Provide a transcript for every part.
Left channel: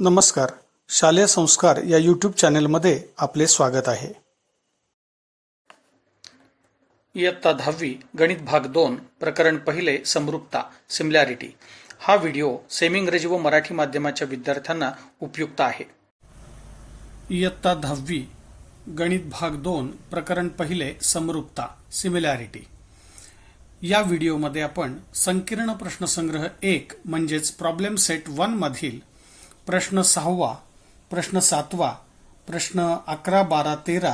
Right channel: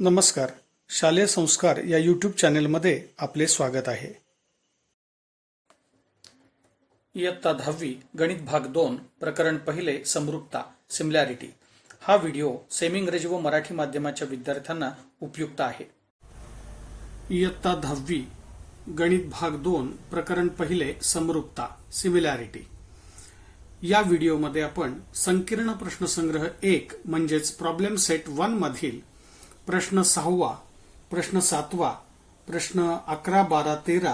नमस्कार. शालेय संस्कार या यूट्यूब चॅनेलमध्ये आपले स्वागत आहे. इयत्ता 10वी गणित भाग 2 प्रकरण पहिले समरूपता सिमिलॅरिटी. हा व्हिडिओ सेमी इंग्रजी व मराठी माध्यमाच्या विद्यार्थ्यांना उपयुक्त आहे. इयत्ता 10वी गणित भाग 2 प्रकरण पहिले समरूपता सिमिलॅरिटी. या व्हिडिओमध्ये आपण संकीर्ण प्रश्नसंग्रह 1 म्हणजेच प्रॉब्लेम सेट 1 मधील प्रश्न 6वा, प्रश्न 7वा, प्रश्न 11, 12, 13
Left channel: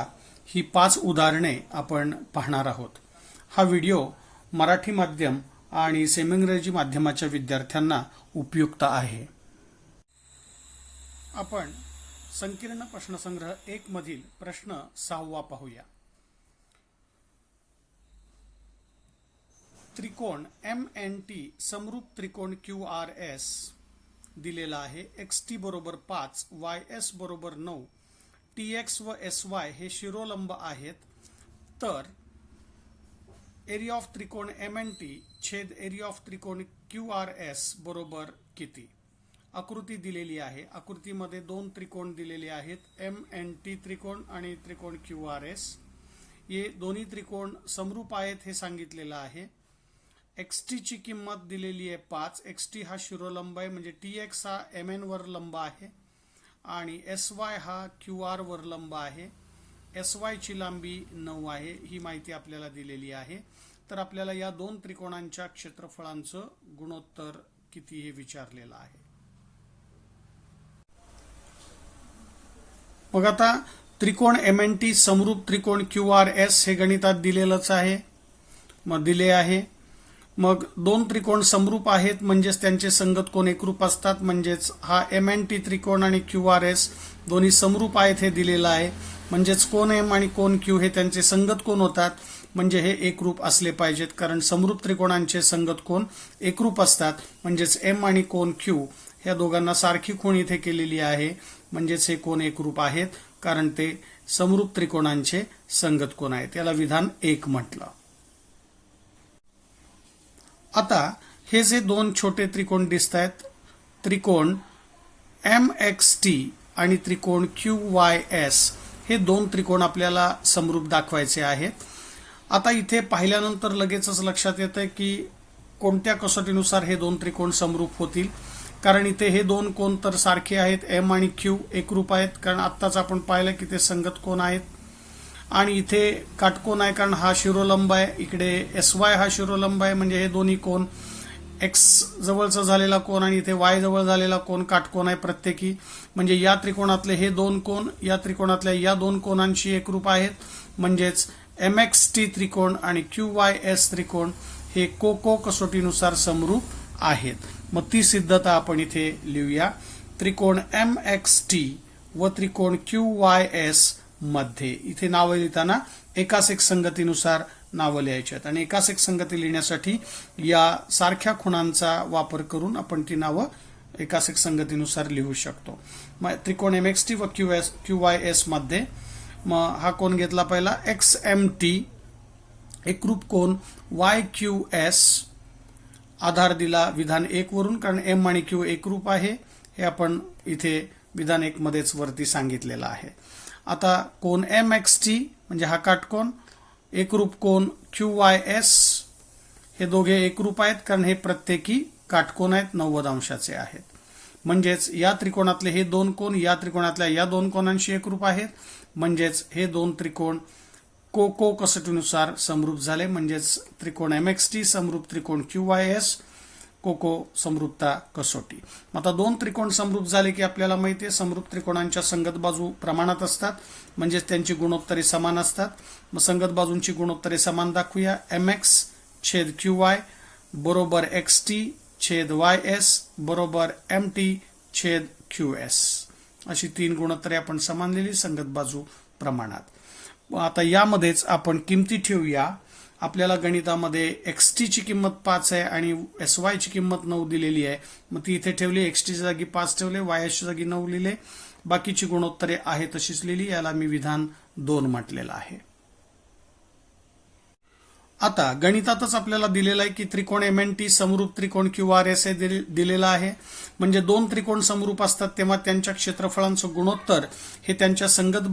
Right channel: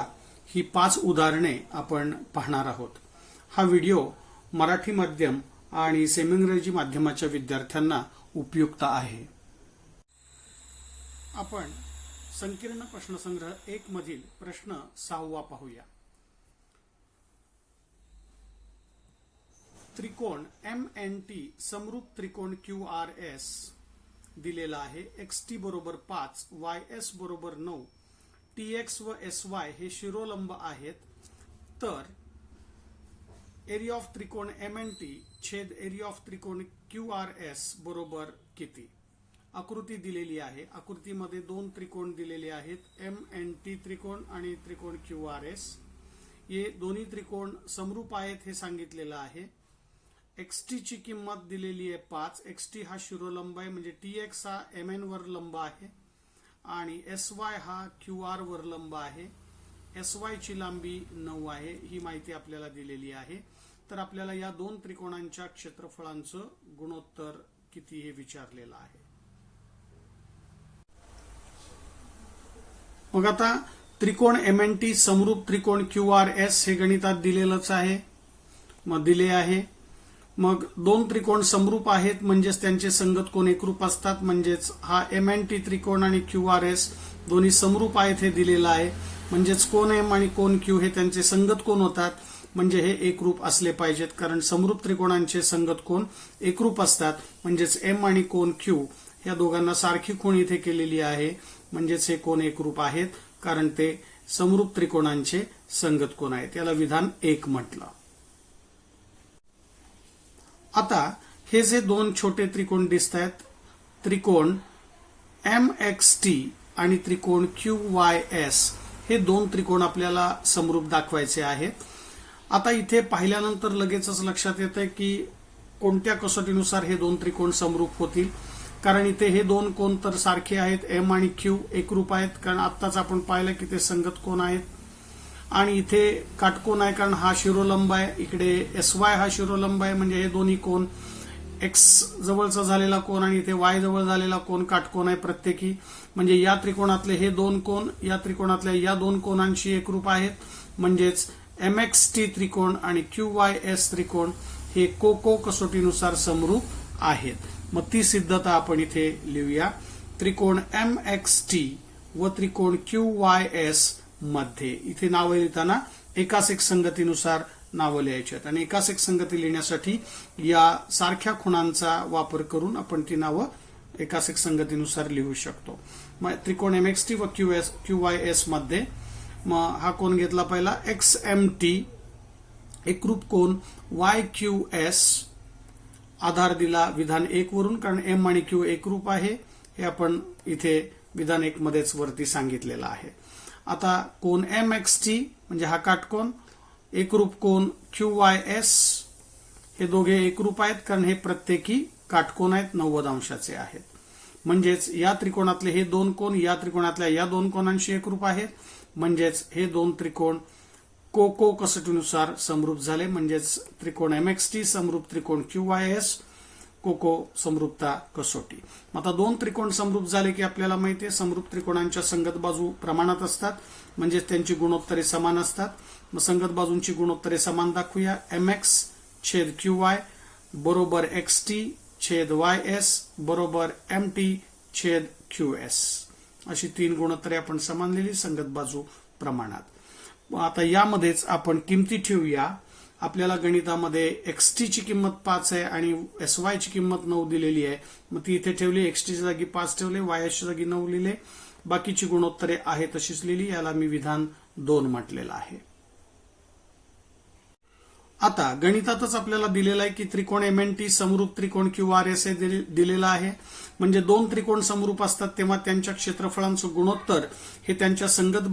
ही 5 उदाहरणे आपण पाहणार आहोत. हा व्हिडिओ मराठी माध्यम आणि सेमी इंग्रजी माध्यमाच्या विद्यार्थ्यांना उपयुक्त आहे. आपण संकीर्ण प्रश्नसंग्रह 1 मधील प्रश्न 6वा पाहूया. त्रिकोण MNT समरूप त्रिकोण QRS दिलेला आहे. XT बरोबर 5, YS बरोबर 9, TX व SY हे शिरोलंब आहेत. तर एरिया ऑफ त्रिकोण MNT छेद एरिया ऑफ त्रिकोण QRS बरोबर किती? आकृती दिलेली आहे. आकृतीमध्ये दोन त्रिकोण दिलेले आहेत, MNT त्रिकोण आणि त्रिकोण QRS. हे दोन्ही त्रिकोण समरूप आहेत हे सांगितलेलं आहे. XT ची किंमत दिलेली आहे 5. XT हा शिरोलंब आहे, म्हणजे TX हा MN वर लंब आहे आणि SY हा QR वर लंब आहे. SY ची लांबी 9 आहे. ही माहिती आपल्याला दिलेली आहे. तर आपल्याला या दोन त्रिकोणांच्या क्षेत्रफळांचं गुणोत्तर किती हे विचारलेलं आहे. मग आता त्रिकोण MNT समरूप त्रिकोण QRS हे गणितात दिलेलंच आहे. मग दिले आहे. मग दोन त्रिकोण समरूप आहेत म्हणजेच त्यांचे संगत कोन एकरूप असतात. म्हणजेच हा MNT त्रिकोण आणि QRS दोन्ही समरूप आहेत हे दिलेलं आहे. म्हणजेच कोन M आणि कोन Q हे त्यांचे संगत कोन होतात. म्हणजे हे एकरूप असले पाहिजेत, कारण समरूप त्रिकोणांचे संगत कोन एकरूप असतात. म्हणजेच M आणि कोन Q ह्या दोघांना सारखी खूण इथे केलेली आहे. म्हणजेच हे कोन एकरूप आहेत, कारण ते समरूप त्रिकोणांचे संगत कोन आहेत. याला विधान 1 म्हटलं. आता हे जे दोन छोटे त्रिकोण दिसत आहेत, त्रिकोण MXT आणि त्रिकोण QYS, हे दोन त्रिकोण आपल्याला समरूप दाखवायचे आहेत. आता इथे पाहिल्यानंतर लगेचच लक्षात येतं की कोणत्या कसोटीनुसार हे दोन त्रिकोण समरूप होतील. कारण इथे हे दोन कोन तर सारखे आहेत, M आणि Q एकरूप आहेत, कारण आत्ताच आपण पाहिलं की ते संगत कोन आहेत. आणि इथे काटकोन आहे, कारण हा शिरोलंब आहे. इकडे SY हा शिरोलंब आहे, म्हणजे हे दोन्ही कोन X जवळचा झालेला कोन आणि इथे Y जवळ झालेला कोन काटकोन आहे प्रत्येकी. म्हणजे या त्रिकोणातले हे दोन कोन या त्रिकोणातल्या या दोन कोनांशी एकरूप आहेत. म्हणजेच MXT त्रिकोण आणि QYS त्रिकोण हे को कसोटीनुसार समरूप आहेत. मग ती सिद्धता आपण इथे लिहूया. त्रिकोण MXT व त्रिकोण QYS मध्ये इथे नावं लिहिताना एकास एक संगतीनुसार नावं लिहायची आहेत आणि एकास एक संगती लिहिण्यासाठी या सारख्या खुणांचा वापर करून आपण ती नावं एकास एक संगतीनुसार लिहू शकतो. मग त्रिकोण MXT व QYS मध्ये मग हा कोन घेतला पहिला XMT, एकरूप कोन YQS, आधार दिला विधान 1 वरून, कारण M आणि Q एकरूप आहे हे आपण इथे विधान 1 मध्येच वरती सांगितलेलं आहे. आता कोन MXT म्हणजे हा काटकोन, एकरूप कोन QYS, हे दोघे एकरूप आहेत कारण हे प्रत्येकी काटकोन आहेत, 90 अंशाचे आहेत. म्हणजेच या त्रिकोणातले हे दोन कोन या त्रिकोणातल्या या दोन कोनांशी एकरूप आहेत. म्हणजेच हे दोन त्रिकोण को कसोटीनुसार समरूप झाले. म्हणजेच त्रिकोण MXT समरूप त्रिकोण QYS, को समरूपता कसोटी. आता दोन त्रिकोण समरूप झाले की आपल्याला माहिती आहे समरूप त्रिकोणांच्या संगत बाजू प्रमाणात असतात, म्हणजेच त्यांची गुणोत्तरे समान असतात. मग संगत बाजूंची गुणोत्तरे समान दाखवूया. MX छेद QY बरोबर XT छेद YS बरोबर MT छेद QS, अशी तीन गुणोत्तरे आपण समान लिहिली संगत बाजू प्रमाणात. आता यामध्येच आपण किमती ठेवूया. आपल्याला गणितामध्ये XT ची किंमत 5 आहे आणि SY ची किंमत 9 दिलेली आहे. मग ती इथे ठेवली. XT च्या जागी 5 ठेवले, YS च्या जागी 9 लिहिले. बाकीची गुणोत्तरे आहे तशीच लिहिली. याला मी विधान 2 म्हटलेलं आहे. आता गणितातच आपल्याला दिलेलं आहे की त्रिकोण MNT समरूप त्रिकोण QRS हे दिलेलं आहे. म्हणजे दोन त्रिकोण समरूप असतात तेव्हा त्यांच्या क्षेत्रफळांचं गुणोत्तर हे त्यांच्या संगत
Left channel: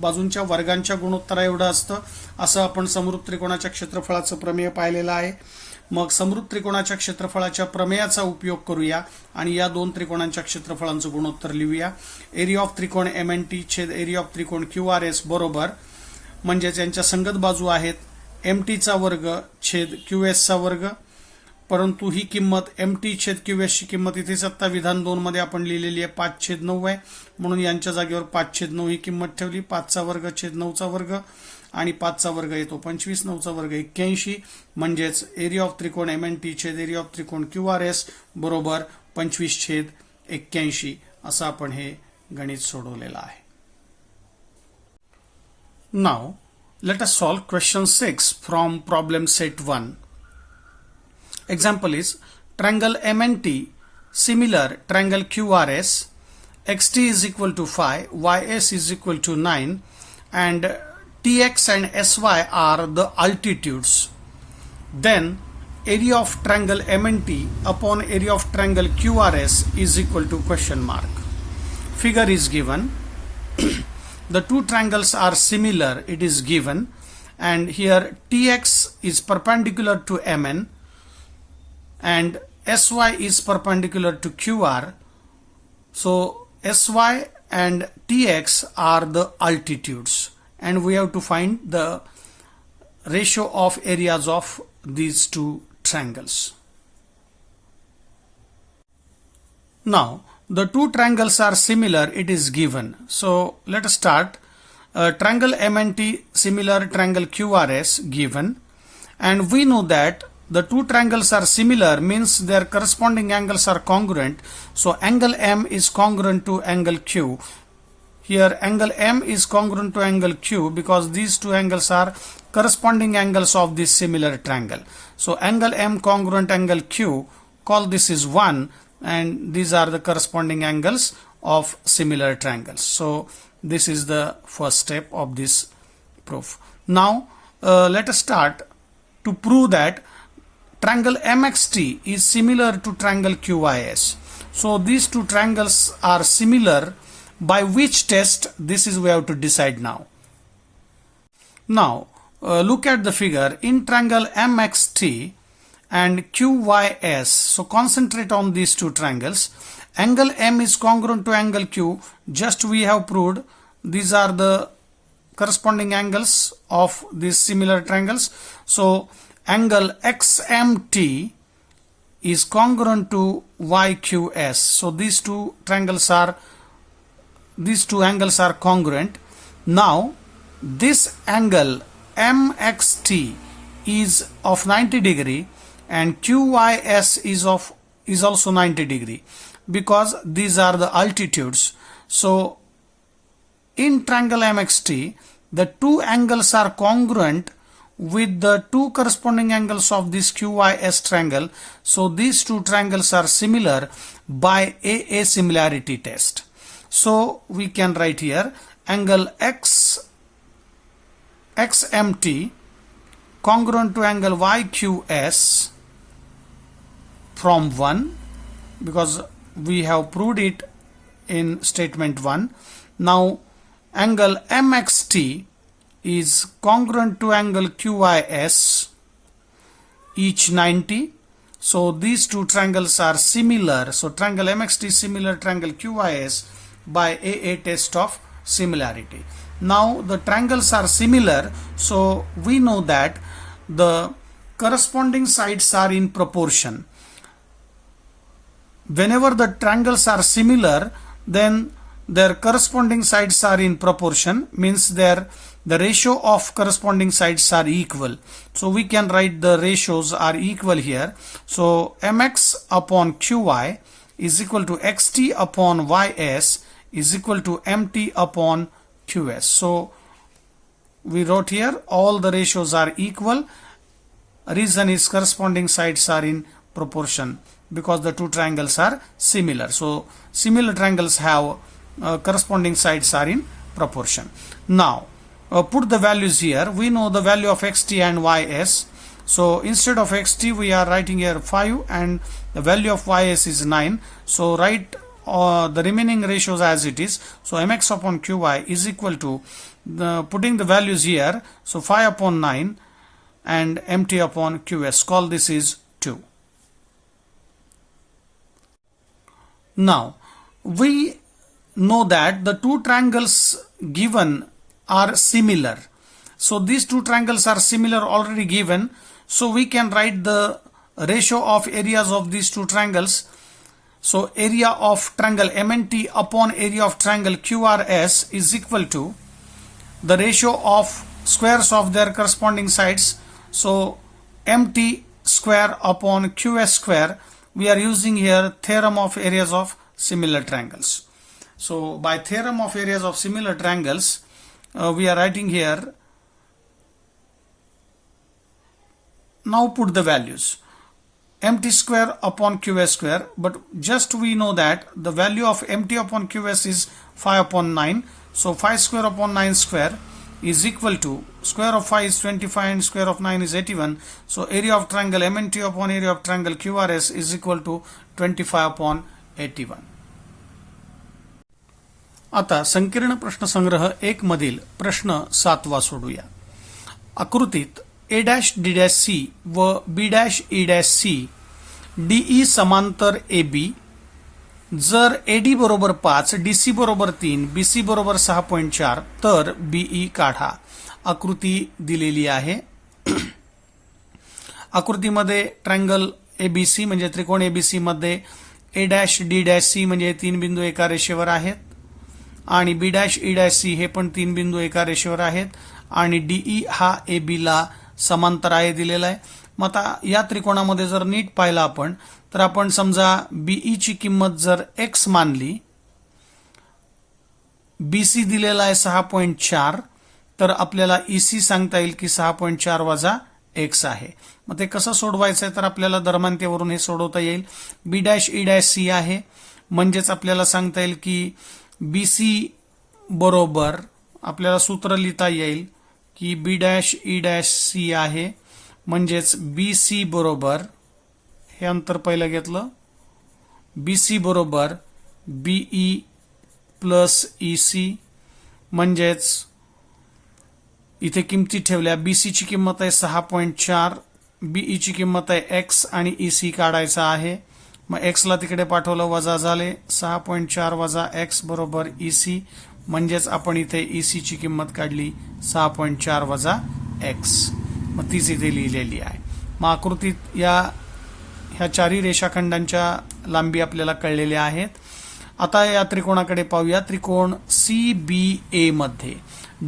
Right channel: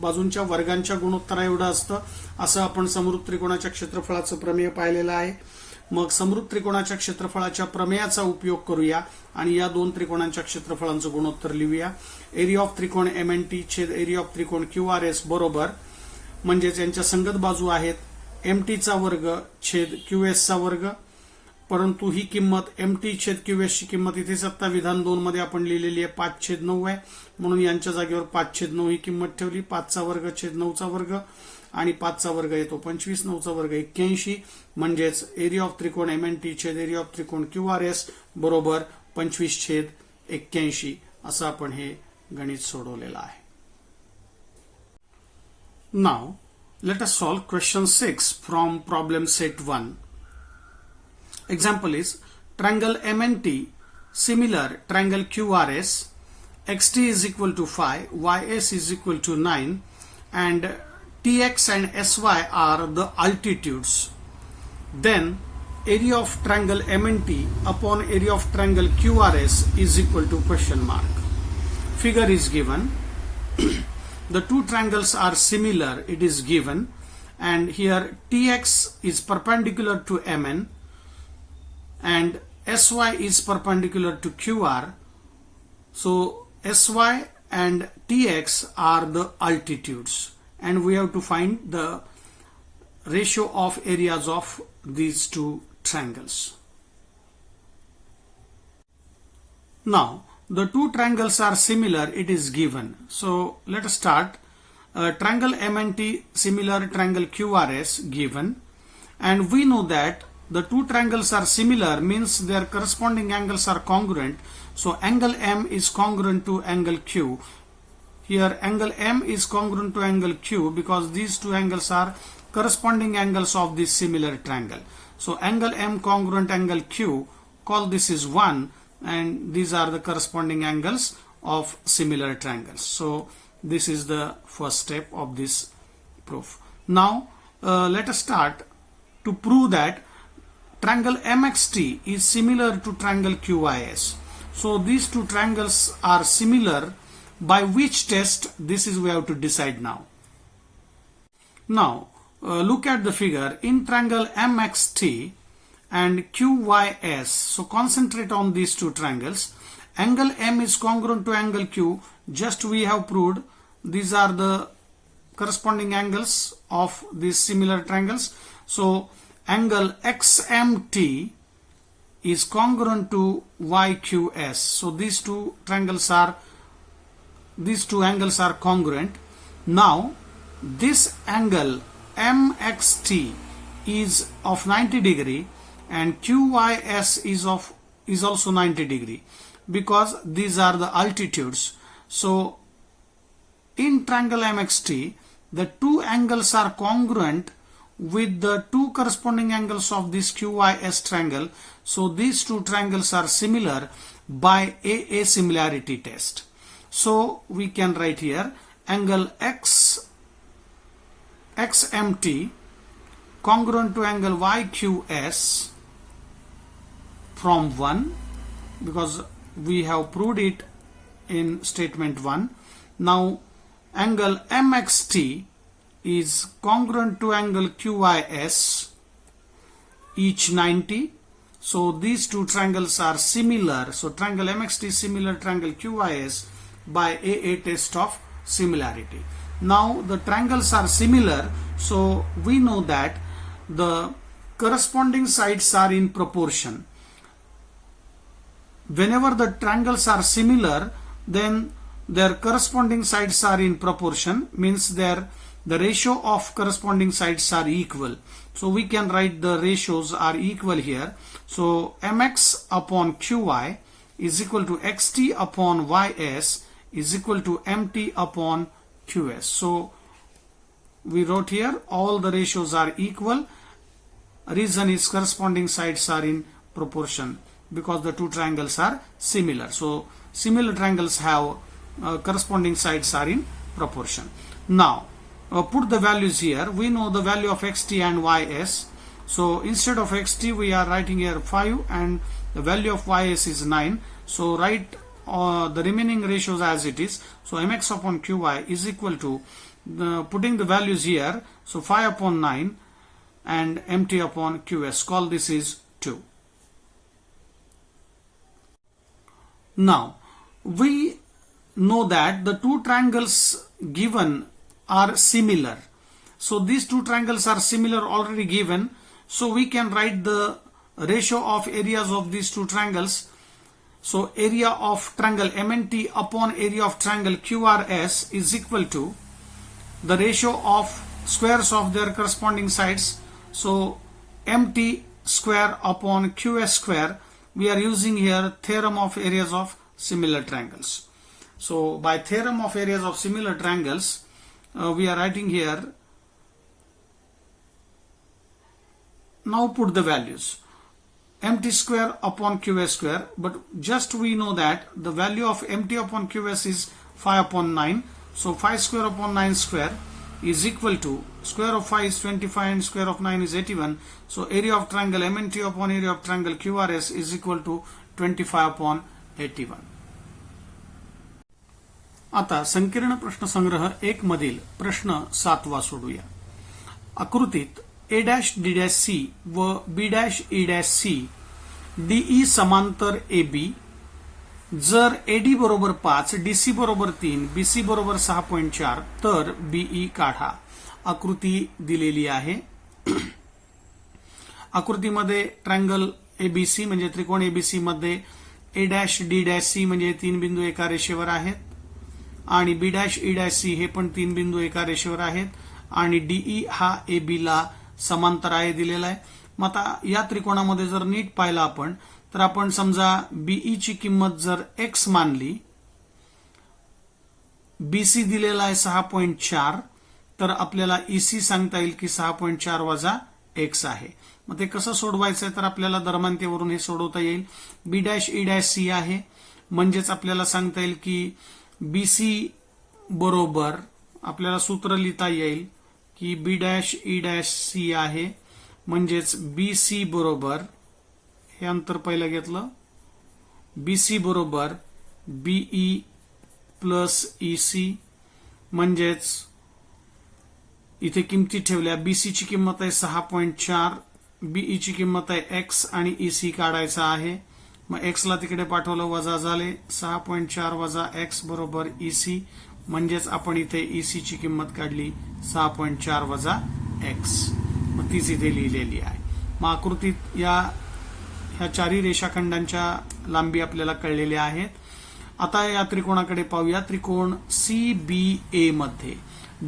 बाजूंच्या वर्गांच्या गुणोत्तरा एवढं असतं. असं आपण समरूप त्रिकोणाच्या क्षेत्रफळाचं प्रमेय पाहिलेलं आहे. मग समरूप त्रिकोणाच्या क्षेत्रफळाच्या प्रमेयाचा उपयोग करूया आणि या दोन त्रिकोणांच्या क्षेत्रफळांचं गुणोत्तर लिहूया. एरिया ऑफ त्रिकोण MNT छेद एरिया ऑफ त्रिकोण QRS बरोबर, म्हणजेच यांच्या संगत बाजू आहेत MT चा वर्ग छेद QS चा वर्ग. परंतु ही किंमत MT छेद QS ची किंमत इथेच आता विधान 2 मध्ये आपण लिहिलेली आहे 5/9 आहे. म्हणून यांच्या जागेवर 5/9 ही किंमत ठेवली. 5 चा वर्ग छेद 9 चा वर्ग आणि 5 चा वर्ग येतो 25, 9 चा वर्ग 81. म्हणजेच एरिया ऑफ त्रिकोण MNT छेद एरिया ऑफ त्रिकोण QRS बरोबर 25/81 असं आपण हे गणित सोडवलेलं आहे. नाव let us solve question 6 from problem set 1. Example is triangle MNT similar triangle QRS, xt is equal to 5, ys is equal to 9 and tx and sy are the altitudes. Then area of triangle MNT upon area of triangle QRS is equal to question mark. Figure is given. The two triangles are similar, it is given, and here Tx is perpendicular to MN and Sy is perpendicular to QR. So Sy and Tx are the altitudes and we have to find the ratio of areas of these two triangles. Now the two triangles are similar, it is given. So let us start. Triangle MNT similar triangle QRS given, and we know that the two triangles are similar means their corresponding angles are congruent. So angle M is congruent to angle Q. Here angle M is congruent to angle Q because these two angles are corresponding angles of this similar triangle. So angle M congruent angle Q, call this is 1. And these are the corresponding angles of similar triangles. So this is the first step of this proof. Now let us start to prove that triangle MXT is similar to triangle QYS. So these two triangles are similar. By which test? This is we have to decide now. Now look at the figure. In triangle MXT and QYS, so concentrate on these two triangles. Angle M is congruent to angle Q. Just we have proved these are the corresponding angles of these similar triangles. So angle XMT is congruent to YQS. So these two angles are congruent. Now this angle MXT is of 90 degree and QYS is also 90 degree because these are the altitudes. So in triangle MXT the two angles are congruent with the two corresponding angles of this QYS triangle. So these two triangles are similar by AA similarity test. So we can write here angle XMT congruent to angle YQS from 1 because we have proved it in statement 1. Now angle MXT is congruent to angle QYS, each 90. So these two triangles are similar. So triangle MXT is similar triangle QYS by AA test of similarity. Now the triangles are similar, so we know that the corresponding sides are in proportion. Whenever the triangles are similar, then their corresponding sides are in proportion, means the ratio of corresponding sides are equal. So we can write the ratios are equal here. So mx upon qy is equal to xt upon ys is equal to mt upon qs. So we wrote here all the ratios are equal. Reason is corresponding sides are in proportion because the two triangles are similar. So similar triangles have corresponding sides are in proportion. Now put the values here. We know the value of xt and ys. So instead of xt, we are writing here 5 and the value of ys is 9. So write the remaining ratios as it is. So mx upon qy is equal to putting the values here. So 5 upon 9 and mt upon qs. Call this is 2. Now we know that the two triangles given are similar. So these two triangles are similar already given. So we can write the ratio of areas of these two triangles. So area of triangle MNT upon area of triangle QRS is equal to the ratio of squares of their corresponding sides. So MT square upon QS square. We are using here theorem of areas of similar triangles. So by theorem of areas of similar triangles, we are writing here. Now put the values. MT square upon QS square, but just we know that the value of MT upon QS is 5 upon 9. So 5 square upon 9 square is equal to square of 5 is 25 and square of 9 is 81. So area of triangle MNT upon area of triangle QRS is equal to 25 upon 81. आता संकीर्ण प्रश्नसंग्रह 1 मधील प्रश्न 7वा सोडूया. आकृतीत A', D', व B', C DE समांतर AB. जर AD बरोबर 5, DC बरोबर 3, BC बरोबर 6.4 तर BE काढा. आकृती दिलेली आहे. आकृतीमध्ये ट्रायंगल ABC म्हणजे त्रिकोण ABC मध्ये A', D', C म्हणजे 3 बिंदू एका रेषेवर आहेत आणि B', C हे पण 3 बिंदू एका रेषेवर आहेत आणि DE हा AB ला समांतर आहे दिलेला आहे. मग आता या त्रिकोणामध्ये जर नीट पाहिलं आपण तर आपण समजा BE ची किंमत जर x मानली, BC दिलेला आहे 6.4 तर आपल्याला EC सांगता येईल की 6.4 वजा x आहे. मग ते कसं सोडवायचं तर आपल्याला दरम्यानतेवरून हे सोडवता येईल. B', आहे म्हणजेच आपल्याला सांगता येईल की BC बरोबर आपल्याला सूत्र लिहिता येईल की B', आहे म्हणजेच BC बरोबर हे अंतर पहिलं घेतलं BC बरोबर BE प्लस EC म्हणजेच इथे किमती ठेवल्या. BC ची किंमत आहे 6.4, BE ची किंमत आहे x आणि EC काढायचा आहे. मग x ला तिकडे पाठवलं वजा झाले 6.4 वजा x बरोबर EC म्हणजेच आपण इथे EC ची किंमत काढली 6.4 वजा x. मग तीच इथे लिहिलेली आहे. मग आकृतीत ह्या चारही रेषाखंडांच्या लांबी आपल्याला कळलेल्या आहेत. आता या त्रिकोणाकडे पाहूया. त्रिकोण CBA मध्ये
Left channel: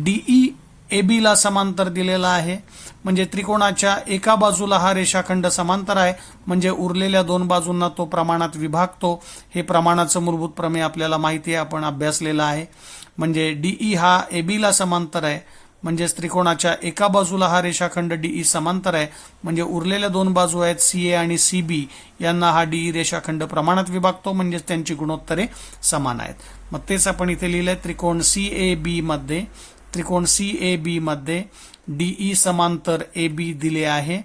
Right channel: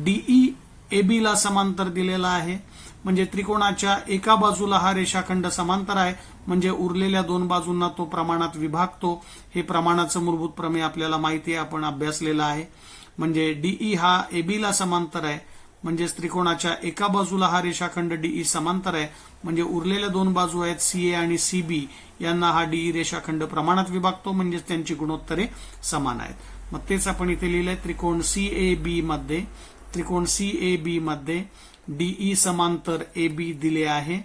DE AB ला समांतर दिलेला आहे म्हणजे त्रिकोणाच्या एका बाजूला हा रेषाखंड समांतर आहे म्हणजे उरलेल्या 2 बाजूंना तो प्रमाणात विभागतो. हे प्रमाणाचं मूलभूत प्रमेय आपल्याला माहिती आहे, आपण अभ्यासलेला आहे. म्हणजे DE हा AB ला समांतर आहे म्हणजेच त्रिकोणाच्या एका बाजूला हा रेषाखंड DE समांतर आहे म्हणजे उरलेल्या 2 बाजू आहेत CA आणि CB यांना हा DE रेषाखंड प्रमाणात विभागतो म्हणजेच त्यांची गुणोत्तरे समान आहेत. मग तेच आपण इथे लिहिलंय. त्रिकोण CAB मध्ये DE समांतर AB दिले आहे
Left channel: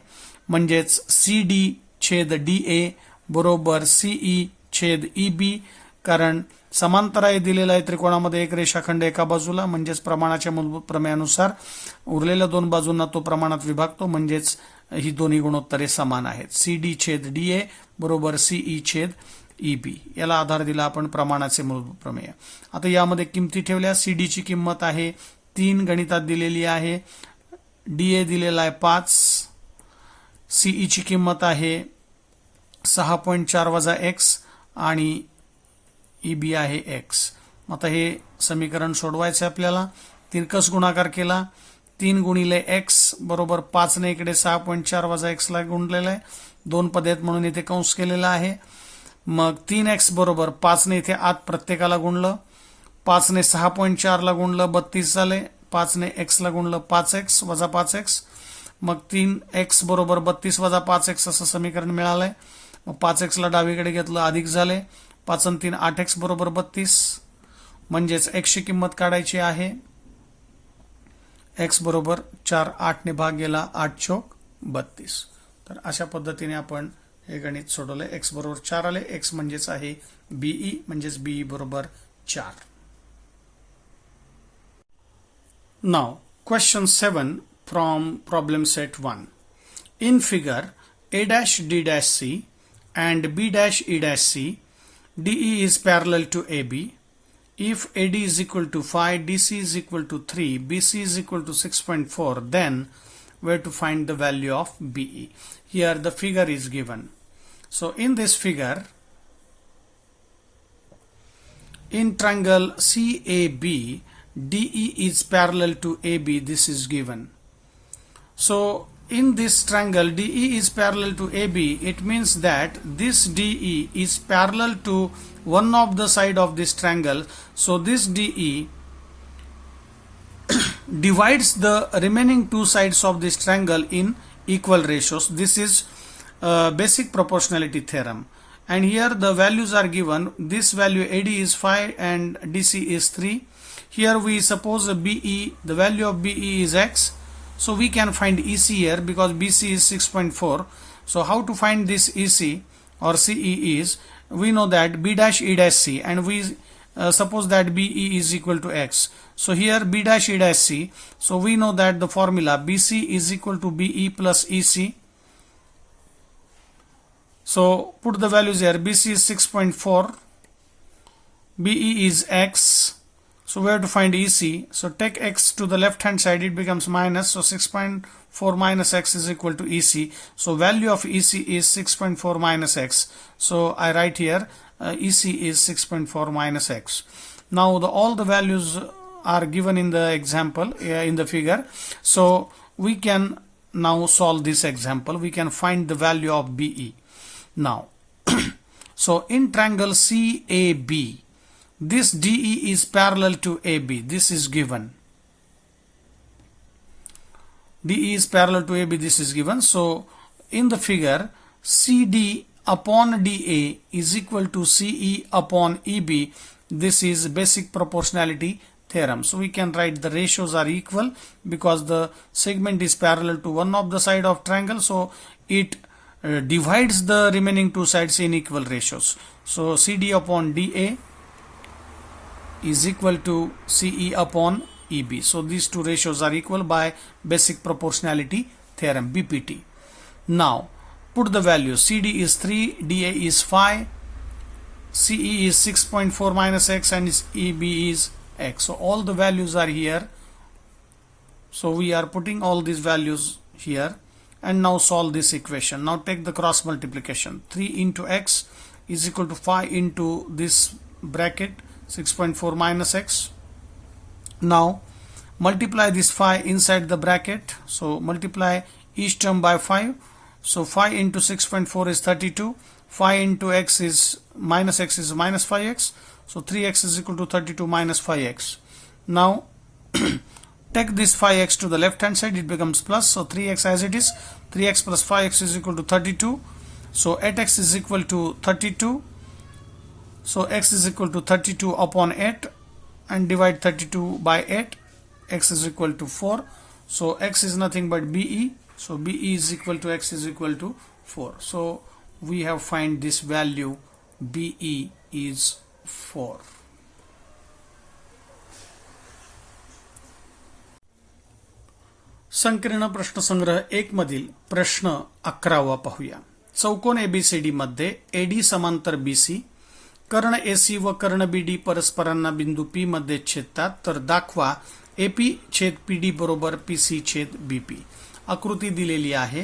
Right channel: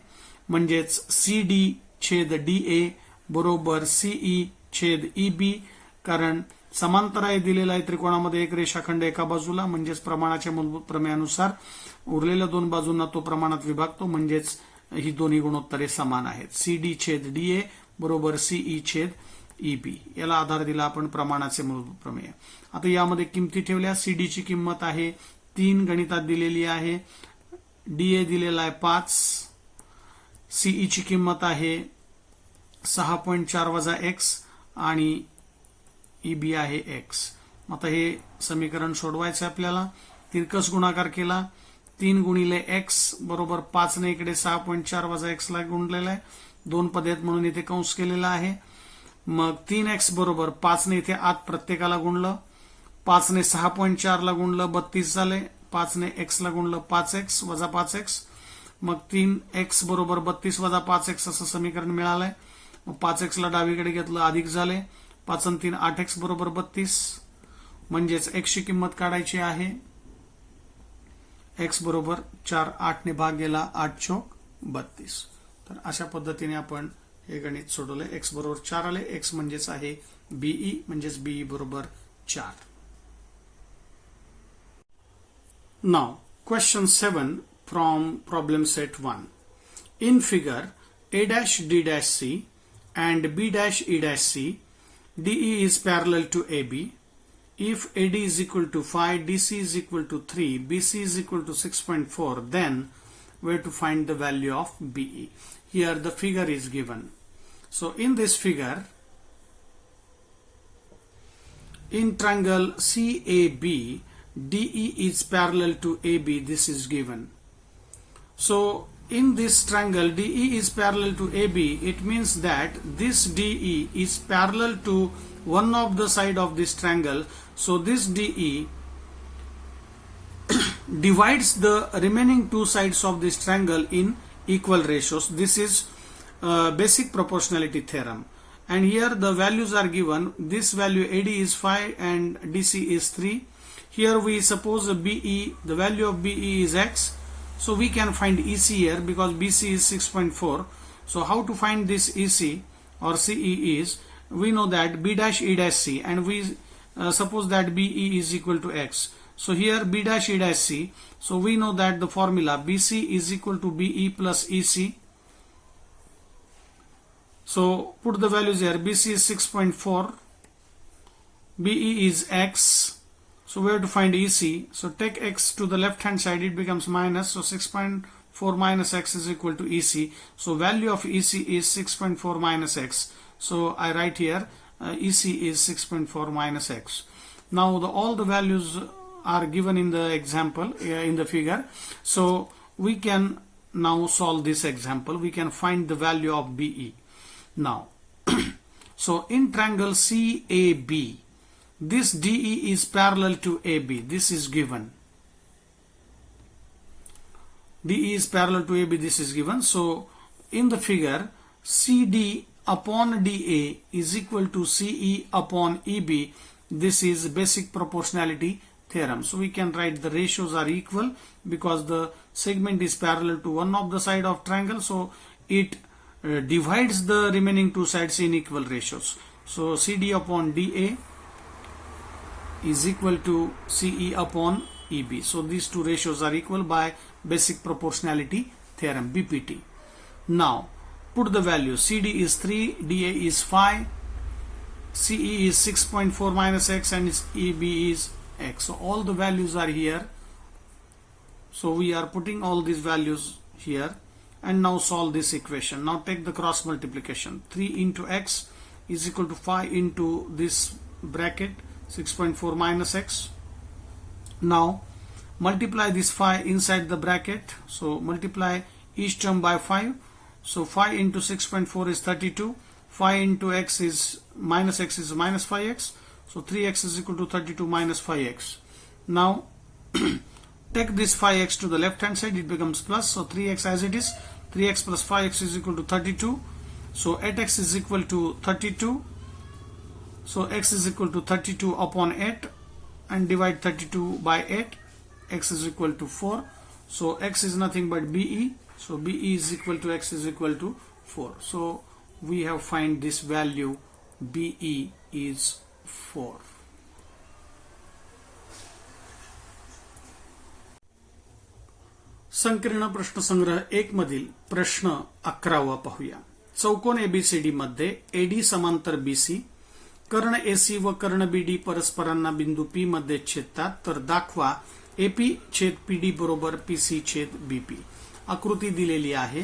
म्हणजेच CD छेद DA बरोबर CE छेद EB. कारण समांतर आहे दिलेला आहे त्रिकोणामध्ये एक रेषाखंड एका बाजूला म्हणजेच प्रमाणाच्या मूलभूत प्रमेयानुसार उरलेल्या 2 बाजूंना तो प्रमाणात विभागतो म्हणजेच ही दोन्ही गुणोत्तरे समान आहेत. CD छेद DA बरोबर CE छेद EB. याला आधार दिला आपण प्रमाणाचे मूलभूत प्रमेय. आता यामध्ये किमती ठेवल्या. CD ची किंमत आहे 3 गणितात दिलेली आहे. DA दिलेला आहे 5. CE ची किंमत आहे 6.4 वजा x आणि EB आहे x. आता हे समीकरण सोडवायचं आपल्याला. तिरकस गुणाकार केला. 3 गुणिले x बरोबर 5 ने इकडे 6.4 वजा x ला गुणलेला आहे. 2 पद आहेत म्हणून इथे कंस केलेला आहे. मग 3x बरोबर 5 ने इथे आत प्रत्येकाला गुणलं. 5 ने 6.4 ला गुणलं 32 झाले. 5 ने x ला गुणलं 5x वजा 5x. मग 3x बरोबर 32 वजा 5x असं समीकरण मिळालंय. मग 5x ला डावीकडे घेतलं अधिक झाले. 5 आणि 3 8x बरोबर 32 म्हणजेच x ची किंमत काढायची आहे. x बरोबर 4, 8 ने भाग गेला, 8 चौक 32. तर अशा पद्धतीने आपण हे गणित सोडवले. x बरोबर 4 आले. x म्हणजेच आहे बीई, म्हणजेच बीई बरोबर 4. Now question 7 from problem set 1. In figure, A dash D dash C and B dash E dash C, DE is parallel to AB. If AD is equal to 5, DC is equal to 3, BC is equal to 6.4, then where to find the value of BE? Here the figure is given. So in this figure, in triangle CAB, DE is parallel to AB. This is given. So in this triangle DE is parallel to AB, it means that this DE is parallel to one of the side of this triangle. So this DE divides the remaining two sides of this triangle in equal ratios. This is basic proportionality theorem. And here the values are given. This value AD is 5 and DC is 3. Here we suppose BE, the value of BE is X. So we can find EC here because BC is 6.4. So how to find this EC or CE is, we know that B dash E dash C, and we suppose that BE is equal to X. So here B dash E dash C, so we know that the formula BC is equal to BE plus EC. So put the values here. BC is 6.4, BE is X. So we have to find EC. So take X to the left hand side, it becomes minus. So 6.4 minus X is equal to EC. So value of EC is 6.4 minus X. So I write here EC is 6.4 minus X. Now all the values are given in the example, in the figure. So we can now solve this example. We can find the value of BE. Now, so in triangle CAB, this DE is parallel to AB. This is given. DE is parallel to AB. This is given. So in the figure, CD upon DA is equal to CE upon EB. This is basic proportionality theorem. So we can write the ratios are equal because the segment is parallel to one of the side of triangle. So it divides the remaining two sides in equal ratios. So CD upon DA is equal to CE upon EB. So these two ratios are equal by basic proportionality theorem, BPT. Now put the values. CD is 3, DA is 5, CE is 6.4 minus X, and EB is X. So all the values are here. So we are putting all these values here and now solve this equation. Now take the cross multiplication. 3 into X is equal to 5 into this bracket, 6.4 minus X. Now multiply this 5 inside the bracket. So multiply each term by 5. So 5 into 6.4 is 32. 5 into X is minus 5X. So 3X is equal to 32 minus 5X. Now take this 5X to the left hand side, it becomes plus. So 3X as it is. 3X plus 5X is equal to 32. So 8X is equal to 32. So X is equal to 32 upon 8 and divide 32 by 8. X is equal to 4. So X is nothing but BE. So BE is equal to X is equal to 4. So we have find this value BE is 4. संकीर्ण प्रश्नसंग्रह 1 मधील प्रश्न 11वा पाहूया. चौकोन ABCD मध्ये AD समांतर BC, कर्ण AC व कर्ण BD परस्परांना बिंदू P मध्ये छेदतात, तर दाखवा AP छेद PD बरोबर PC छेद BP. आकृती दिलेली आहे.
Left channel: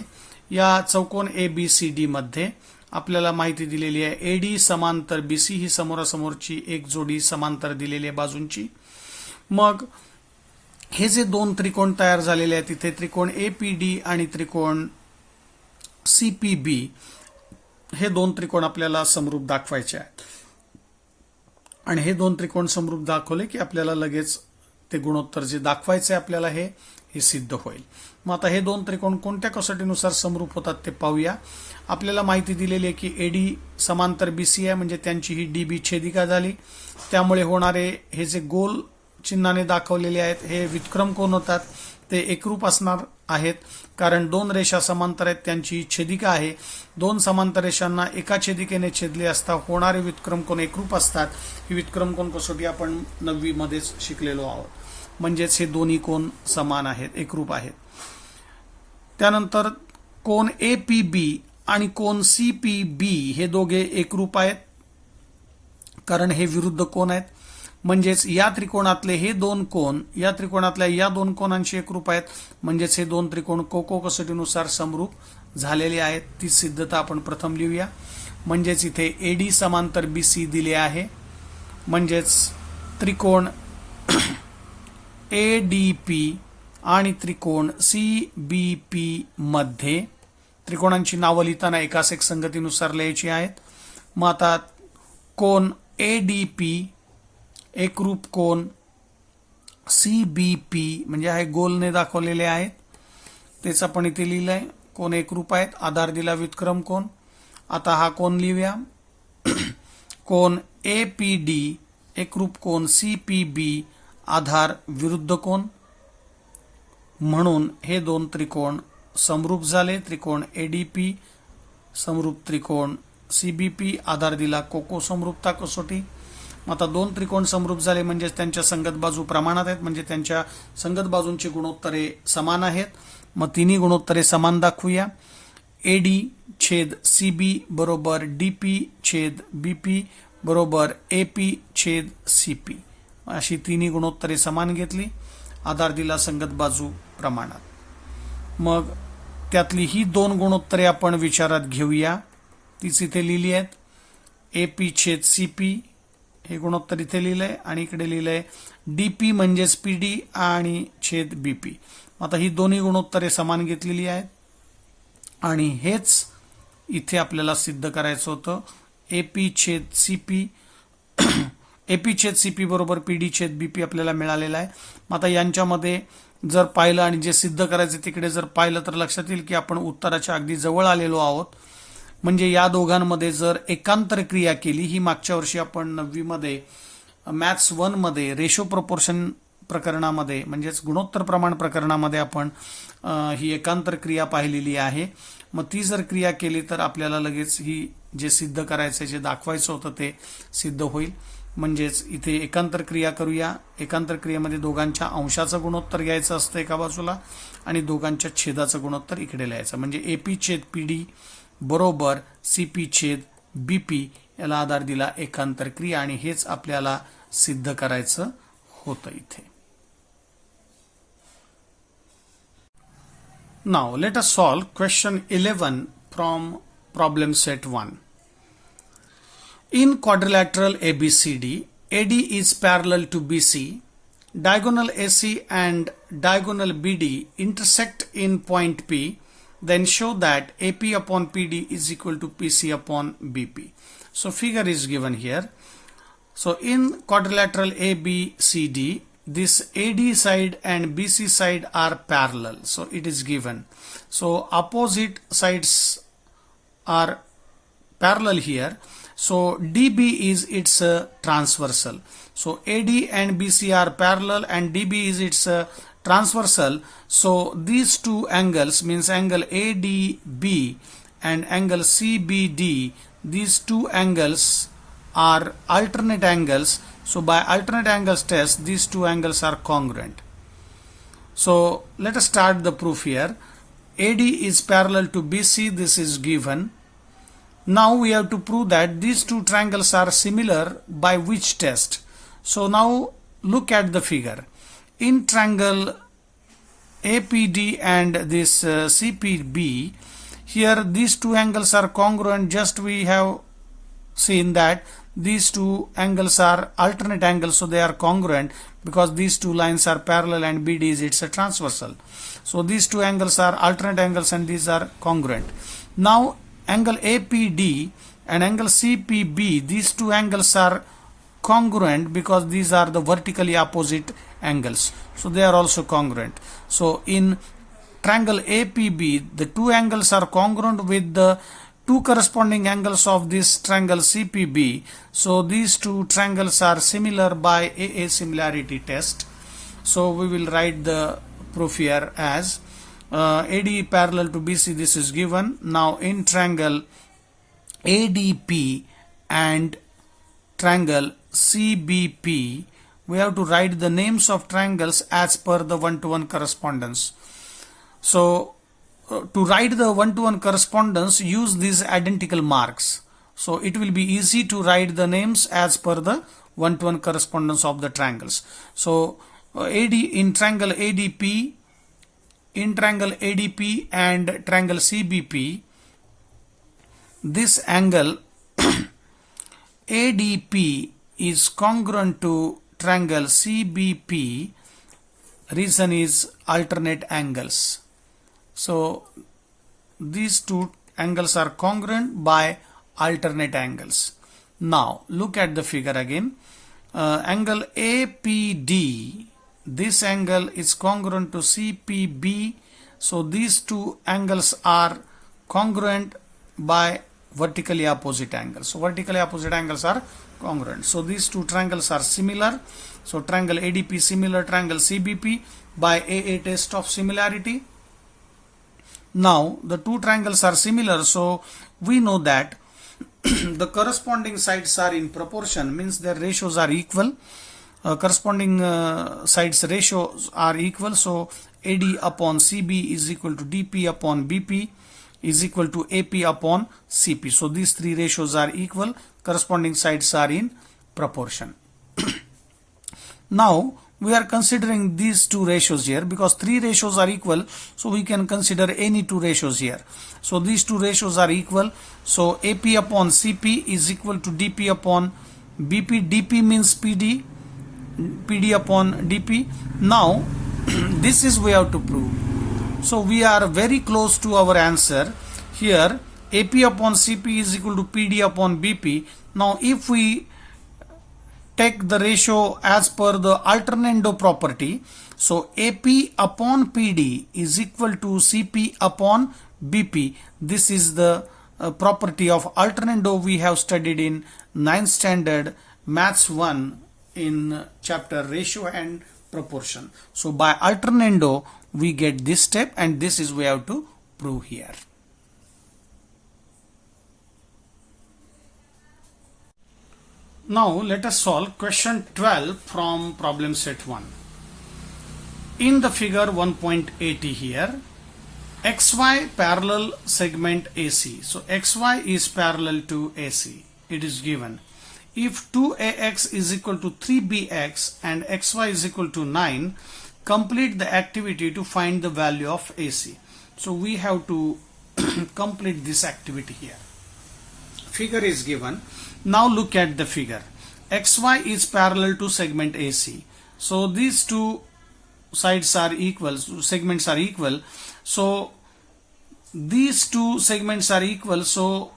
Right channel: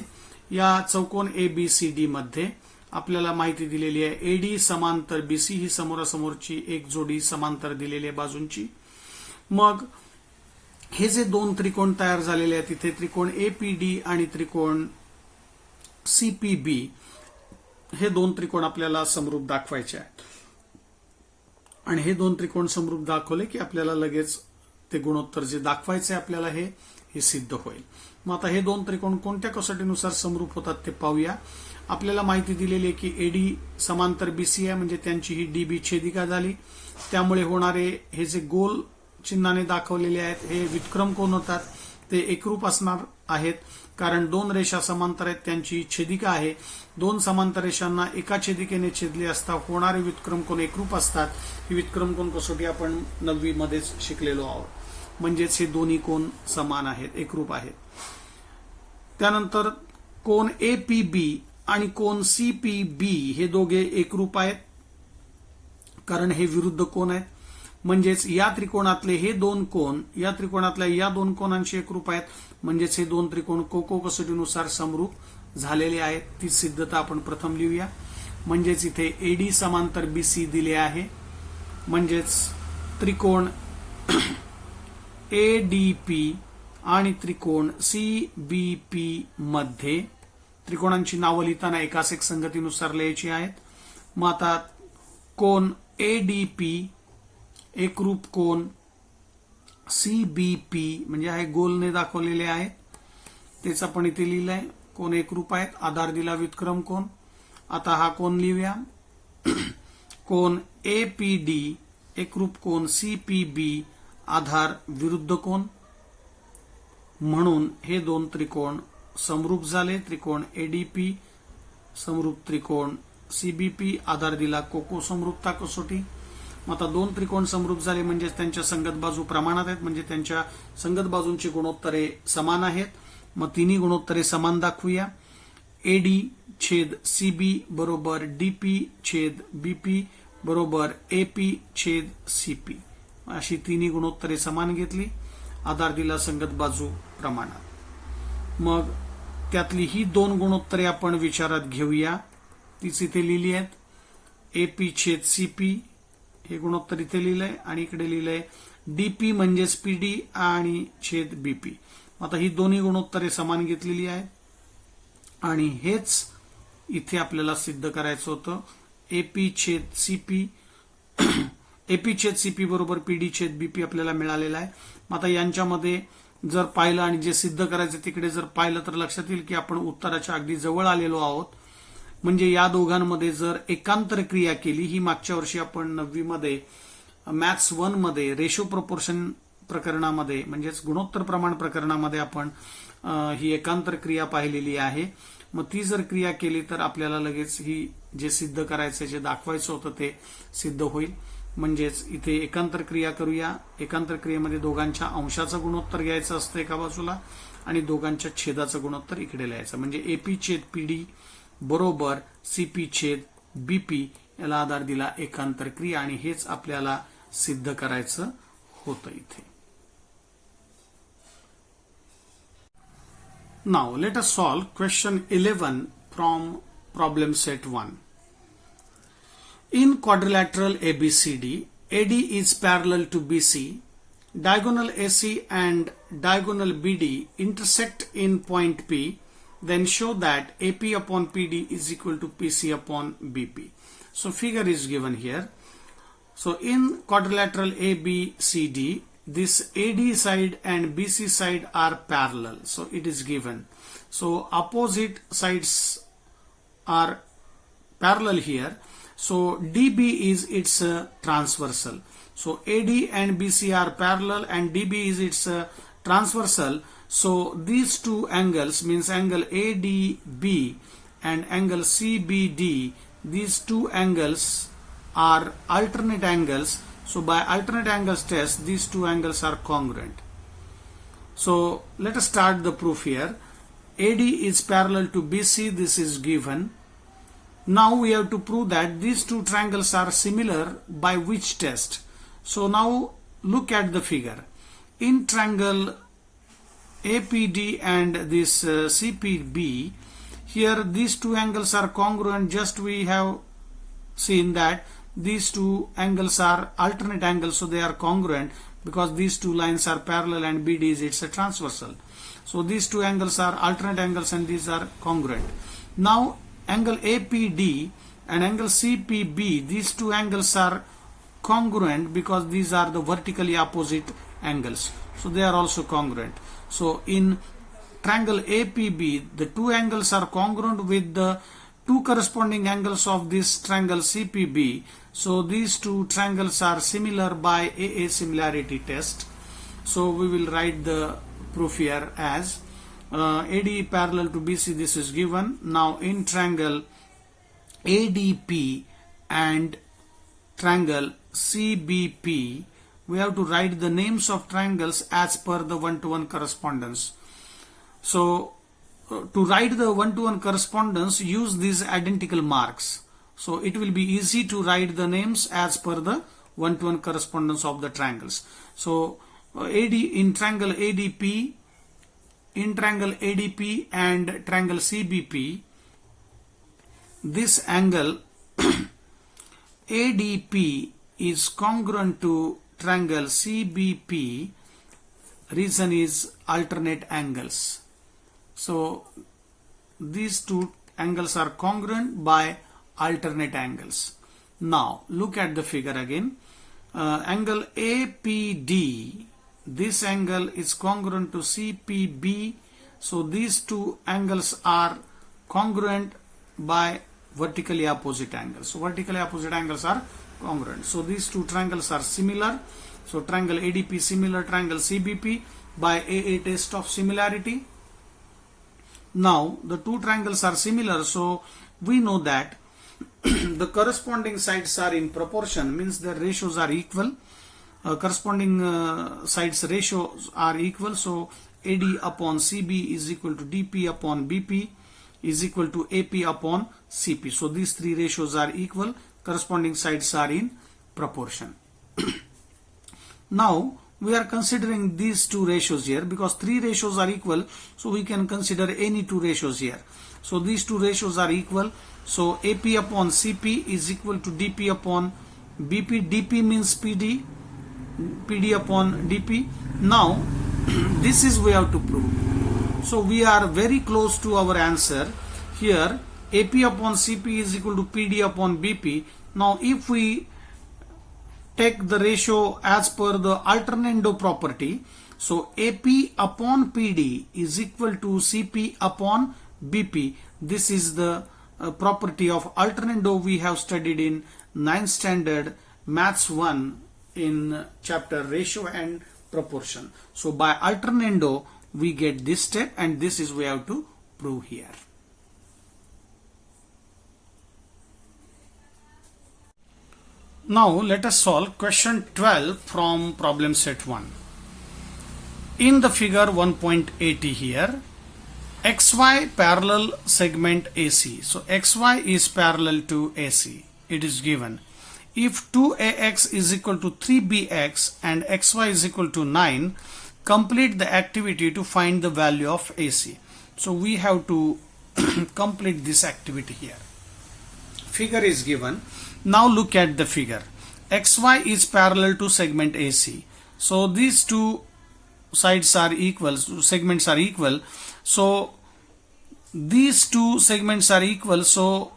या चौकोन ABCD मध्ये आपल्याला माहिती दिलेली आहे AD समांतर BC ही समोरासमोरची एक जोडी समांतर दिलेली आहे बाजूंची. मग हे जे दोन त्रिकोण तयार झालेले आहेत तिथे त्रिकोण APD आणि त्रिकोण CPB हे दोन त्रिकोण आपल्याला समरूप दाखवायचे आहेत. आणि हे दोन त्रिकोण समरूप दाखवले की आपल्याला लगेच ते गुणोत्तर जे दाखवायचे आपल्याला हे सिद्ध होईल. मग आता हे दोन त्रिकोण कोणत्या कसोटीनुसार समरूप होतात ते पाहूया. आपल्याला माहिती दिलेली आहे की AD समांतर BC आहे म्हणजे त्यांची ही DB छेदिका झाली. त्यामुळे होणारे हे जे गोल चिन्हाने दाखवलेले आहेत हे व्युत्क्रम कोण होतात. ते एकरूप असणार आहेत, कारण दोन रेषा समांतर आहेत, त्यांची छेदिका आहे. दोन समांतर रेषांना एका छेदिकेने छेदले असता होणारे व्युत्क्रम कोन एकरूप असतात. ही व्युत्क्रम कोन कसोटी आपण 9वी मध्येच शिकलेलो आहोत. म्हणजेच हे दोन्ही कोन समान आहेत, एकरूप आहेत. त्यानंतर कोन एपीबी आणि कोन सीपीबी हे दोघे एकरूप आहेत, कारण हे विरुद्ध कोन आहेत. म्हणजेच या त्रिकोणातले हे दोन कोन या त्रिकोणातल्या या दोन कोनांशी एकरूप आहेत. म्हणजेच हे दोन त्रिकोण कोको कसोटीनुसार समरूप झालेले आहेत. ती सिद्धता आपण प्रथम लिहूया. म्हणजेच इथे एडी समांतर बीसी दिले आहे. म्हणजेच त्रिकोण एडीपी आणि त्रिकोण सीबीपी मध्ये त्रिकोणांची नावं लिहिताना एकास एक संगतीनुसार लिहायची आहेत. मग आता कोन एडीपी एकरूप कोन सीबीपी म्हणजे आहे गोलने दाखवलेले आहेत, तेच आपण इथे लिहिलंय. कोन एकरूप आहेत, आधार दिला व्युत्क्रम कोन. आता हा कोन लिहूया. कोन एपीडी एकरूप कोन सीपीबी आधार विरुद्ध कोन. म्हणून हे दोन त्रिकोण समरूप झाले. त्रिकोण एडीपी समरूप त्रिकोण सीबीपी, आधार दिला कोको समरूपता कसोटी. आता दोन त्रिकोण समरूप झाले म्हणजे त्यांच्या संगत बाजू प्रमाणात आहेत, म्हणजे त्यांच्या संगत बाजूंची गुणोत्तरे समान आहेत. मग तिन्ही गुणोत्तरे समान दाखवूया. एडी छेद सीबी बरोबर डीपी छेद बीपी बरोबर एपी छेद सीपी, अशी तिन्ही गुणोत्तरे समान घेतली. आधार दिला संगत बाजू प्रमाणात. मग त्यातली ही दोन गुणोत्तरे आपण विचारात घेऊया. तीच इथे लिहिली आहेत. एपी छेद सीपी हे गुणोत्तर इथे लिहिलंय आणि इकडे लिहिलंय डीपी म्हणजेच पीडी आणि छेद बीपी. आता ही दोन्ही गुणोत्तरे समान घेतलेली आहेत आणि हेच इथे आपल्याला सिद्ध करायचं होतं. एपी छेद सीपी एपी छेद सीपी बरोबर पीडी छेद बीपी आपल्याला मिळालेला आहे. आता यांच्यामध्ये जर पाहिलं आणि जे सिद्ध करायचं तिकडे जर पाहिलं तर लक्षात येईल की आपण उत्तराच्या अगदी जवळ आलेलो आहोत. म्हणजे या दोघांमध्ये जर एकांतर क्रिया केली, ही मागच्या वर्षी आपण 9वी मध्ये मॅथ्स 1 मध्ये रेशो प्रपोर्शन प्रकरणामध्ये म्हणजेच गुणोत्तर प्रमाण प्रकरणामध्ये आपण ही एकांतर क्रिया पाहिलेली आहे. मग ती जर क्रिया केली तर आपल्याला लगेच ही जे सिद्ध करायचं जे दाखवायचं होतं ते सिद्ध होईल. म्हणजेच इथे एकांतर क्रिया करूया. एकांतर क्रियेमध्ये दोघांच्या अंशाचं गुणोत्तर घ्यायचं असतं एका बाजूला आणि दोघांच्या छेदाचं गुणोत्तर इकडे लिहायचं. म्हणजे एपी छेद पीडी बरोबर सीपी छेद बीपी याला आधार दिला एकांतर क्रिया आणि हेच आपल्याला सिद्ध करायचं होतं इथे. Now let us solve question 11 from problem set 1. In quadrilateral ABCD, AD is parallel to BC, diagonal AC and diagonal BD intersect in point P, then show that AP upon PD is equal to PC upon BP. So figure is given here. So in quadrilateral ABCD, this AD side and BC side are parallel. So it is given. So opposite sides are parallel here. So DB is its transversal. So AD and BC are parallel and DB is its transversal. So these two angles means angle ADB and angle CBD, these two angles are alternate angles. So by alternate angles test, these two angles are congruent. So let us start the proof here. AD is parallel to BC, this is given. Now we have to prove that these two triangles are similar by which test? So now look at the figure. In triangle APD and this CPB, here these two angles are congruent. Just we have seen that these two angles are alternate angles, so they are congruent because these two lines are parallel and BD is its a transversal. So these two angles are alternate angles and these are congruent. Now angle APD and angle CPB, these two angles are congruent because these are the vertically opposite angles. So they are also congruent. So in triangle APB, the two angles are congruent with the two corresponding angles of this triangle CPB. So these two triangles are similar by AA similarity test. So we will write the proof here as AD parallel to BC, this is given. Now in triangle ADP and triangle CBP, we have to write the names of triangles as per the one-to-one correspondence. So to write the one-to-one correspondence, use these identical marks. So it will be easy to write the names as per the one-to-one correspondence of the triangles. So AD in triangle ADP, in triangle ADP and triangle CBP, this angle ADP is congruent to triangle CBP. Reason is alternate angles. So these two angles are congruent by alternate angles. Now look at the figure again. Angle APD, this angle is congruent to CPB. So these two angles are congruent by vertically opposite angles. So vertically opposite angles are congruent. So these two triangles are similar. So triangle ADP similar triangle CBP by AA test of similarity. Now the two triangles are similar, so we know that the corresponding sides are in proportion, means their ratios are equal. Corresponding sides ratios are equal, so AD upon CB is equal to DP upon BP is equal to AP upon CP. So these three ratios are equal, corresponding sides are in proportion. Now we are considering these two ratios here because three ratios are equal, so we can consider any two ratios here. So these two ratios are equal, so AP upon CP is equal to DP upon BP. DP means PD, PD upon DP. Now this is we have to prove. So we are very close to our answer here. AP upon CP is equal to PD upon BP. Now if we take the ratio as per the alternando property, so AP upon PD is equal to CP upon BP. This is the property of alternando we have studied in 9th standard Maths 1 in chapter ratio and proportion. So by alternando we get this step, and this is we have to prove here. Now let us solve question 12 from problem set 1. In the figure 1.80 here, XY parallel segment AC. So XY is parallel to AC. It is given. If 2AX is equal to 3BX and XY is equal to 9, complete the activity to find the value of AC. So we have to complete this activity here. Figure is given. Now look at the figure. XY is parallel to segment AC. So these two sides are equal, segments are equal. So these two segments are equal. So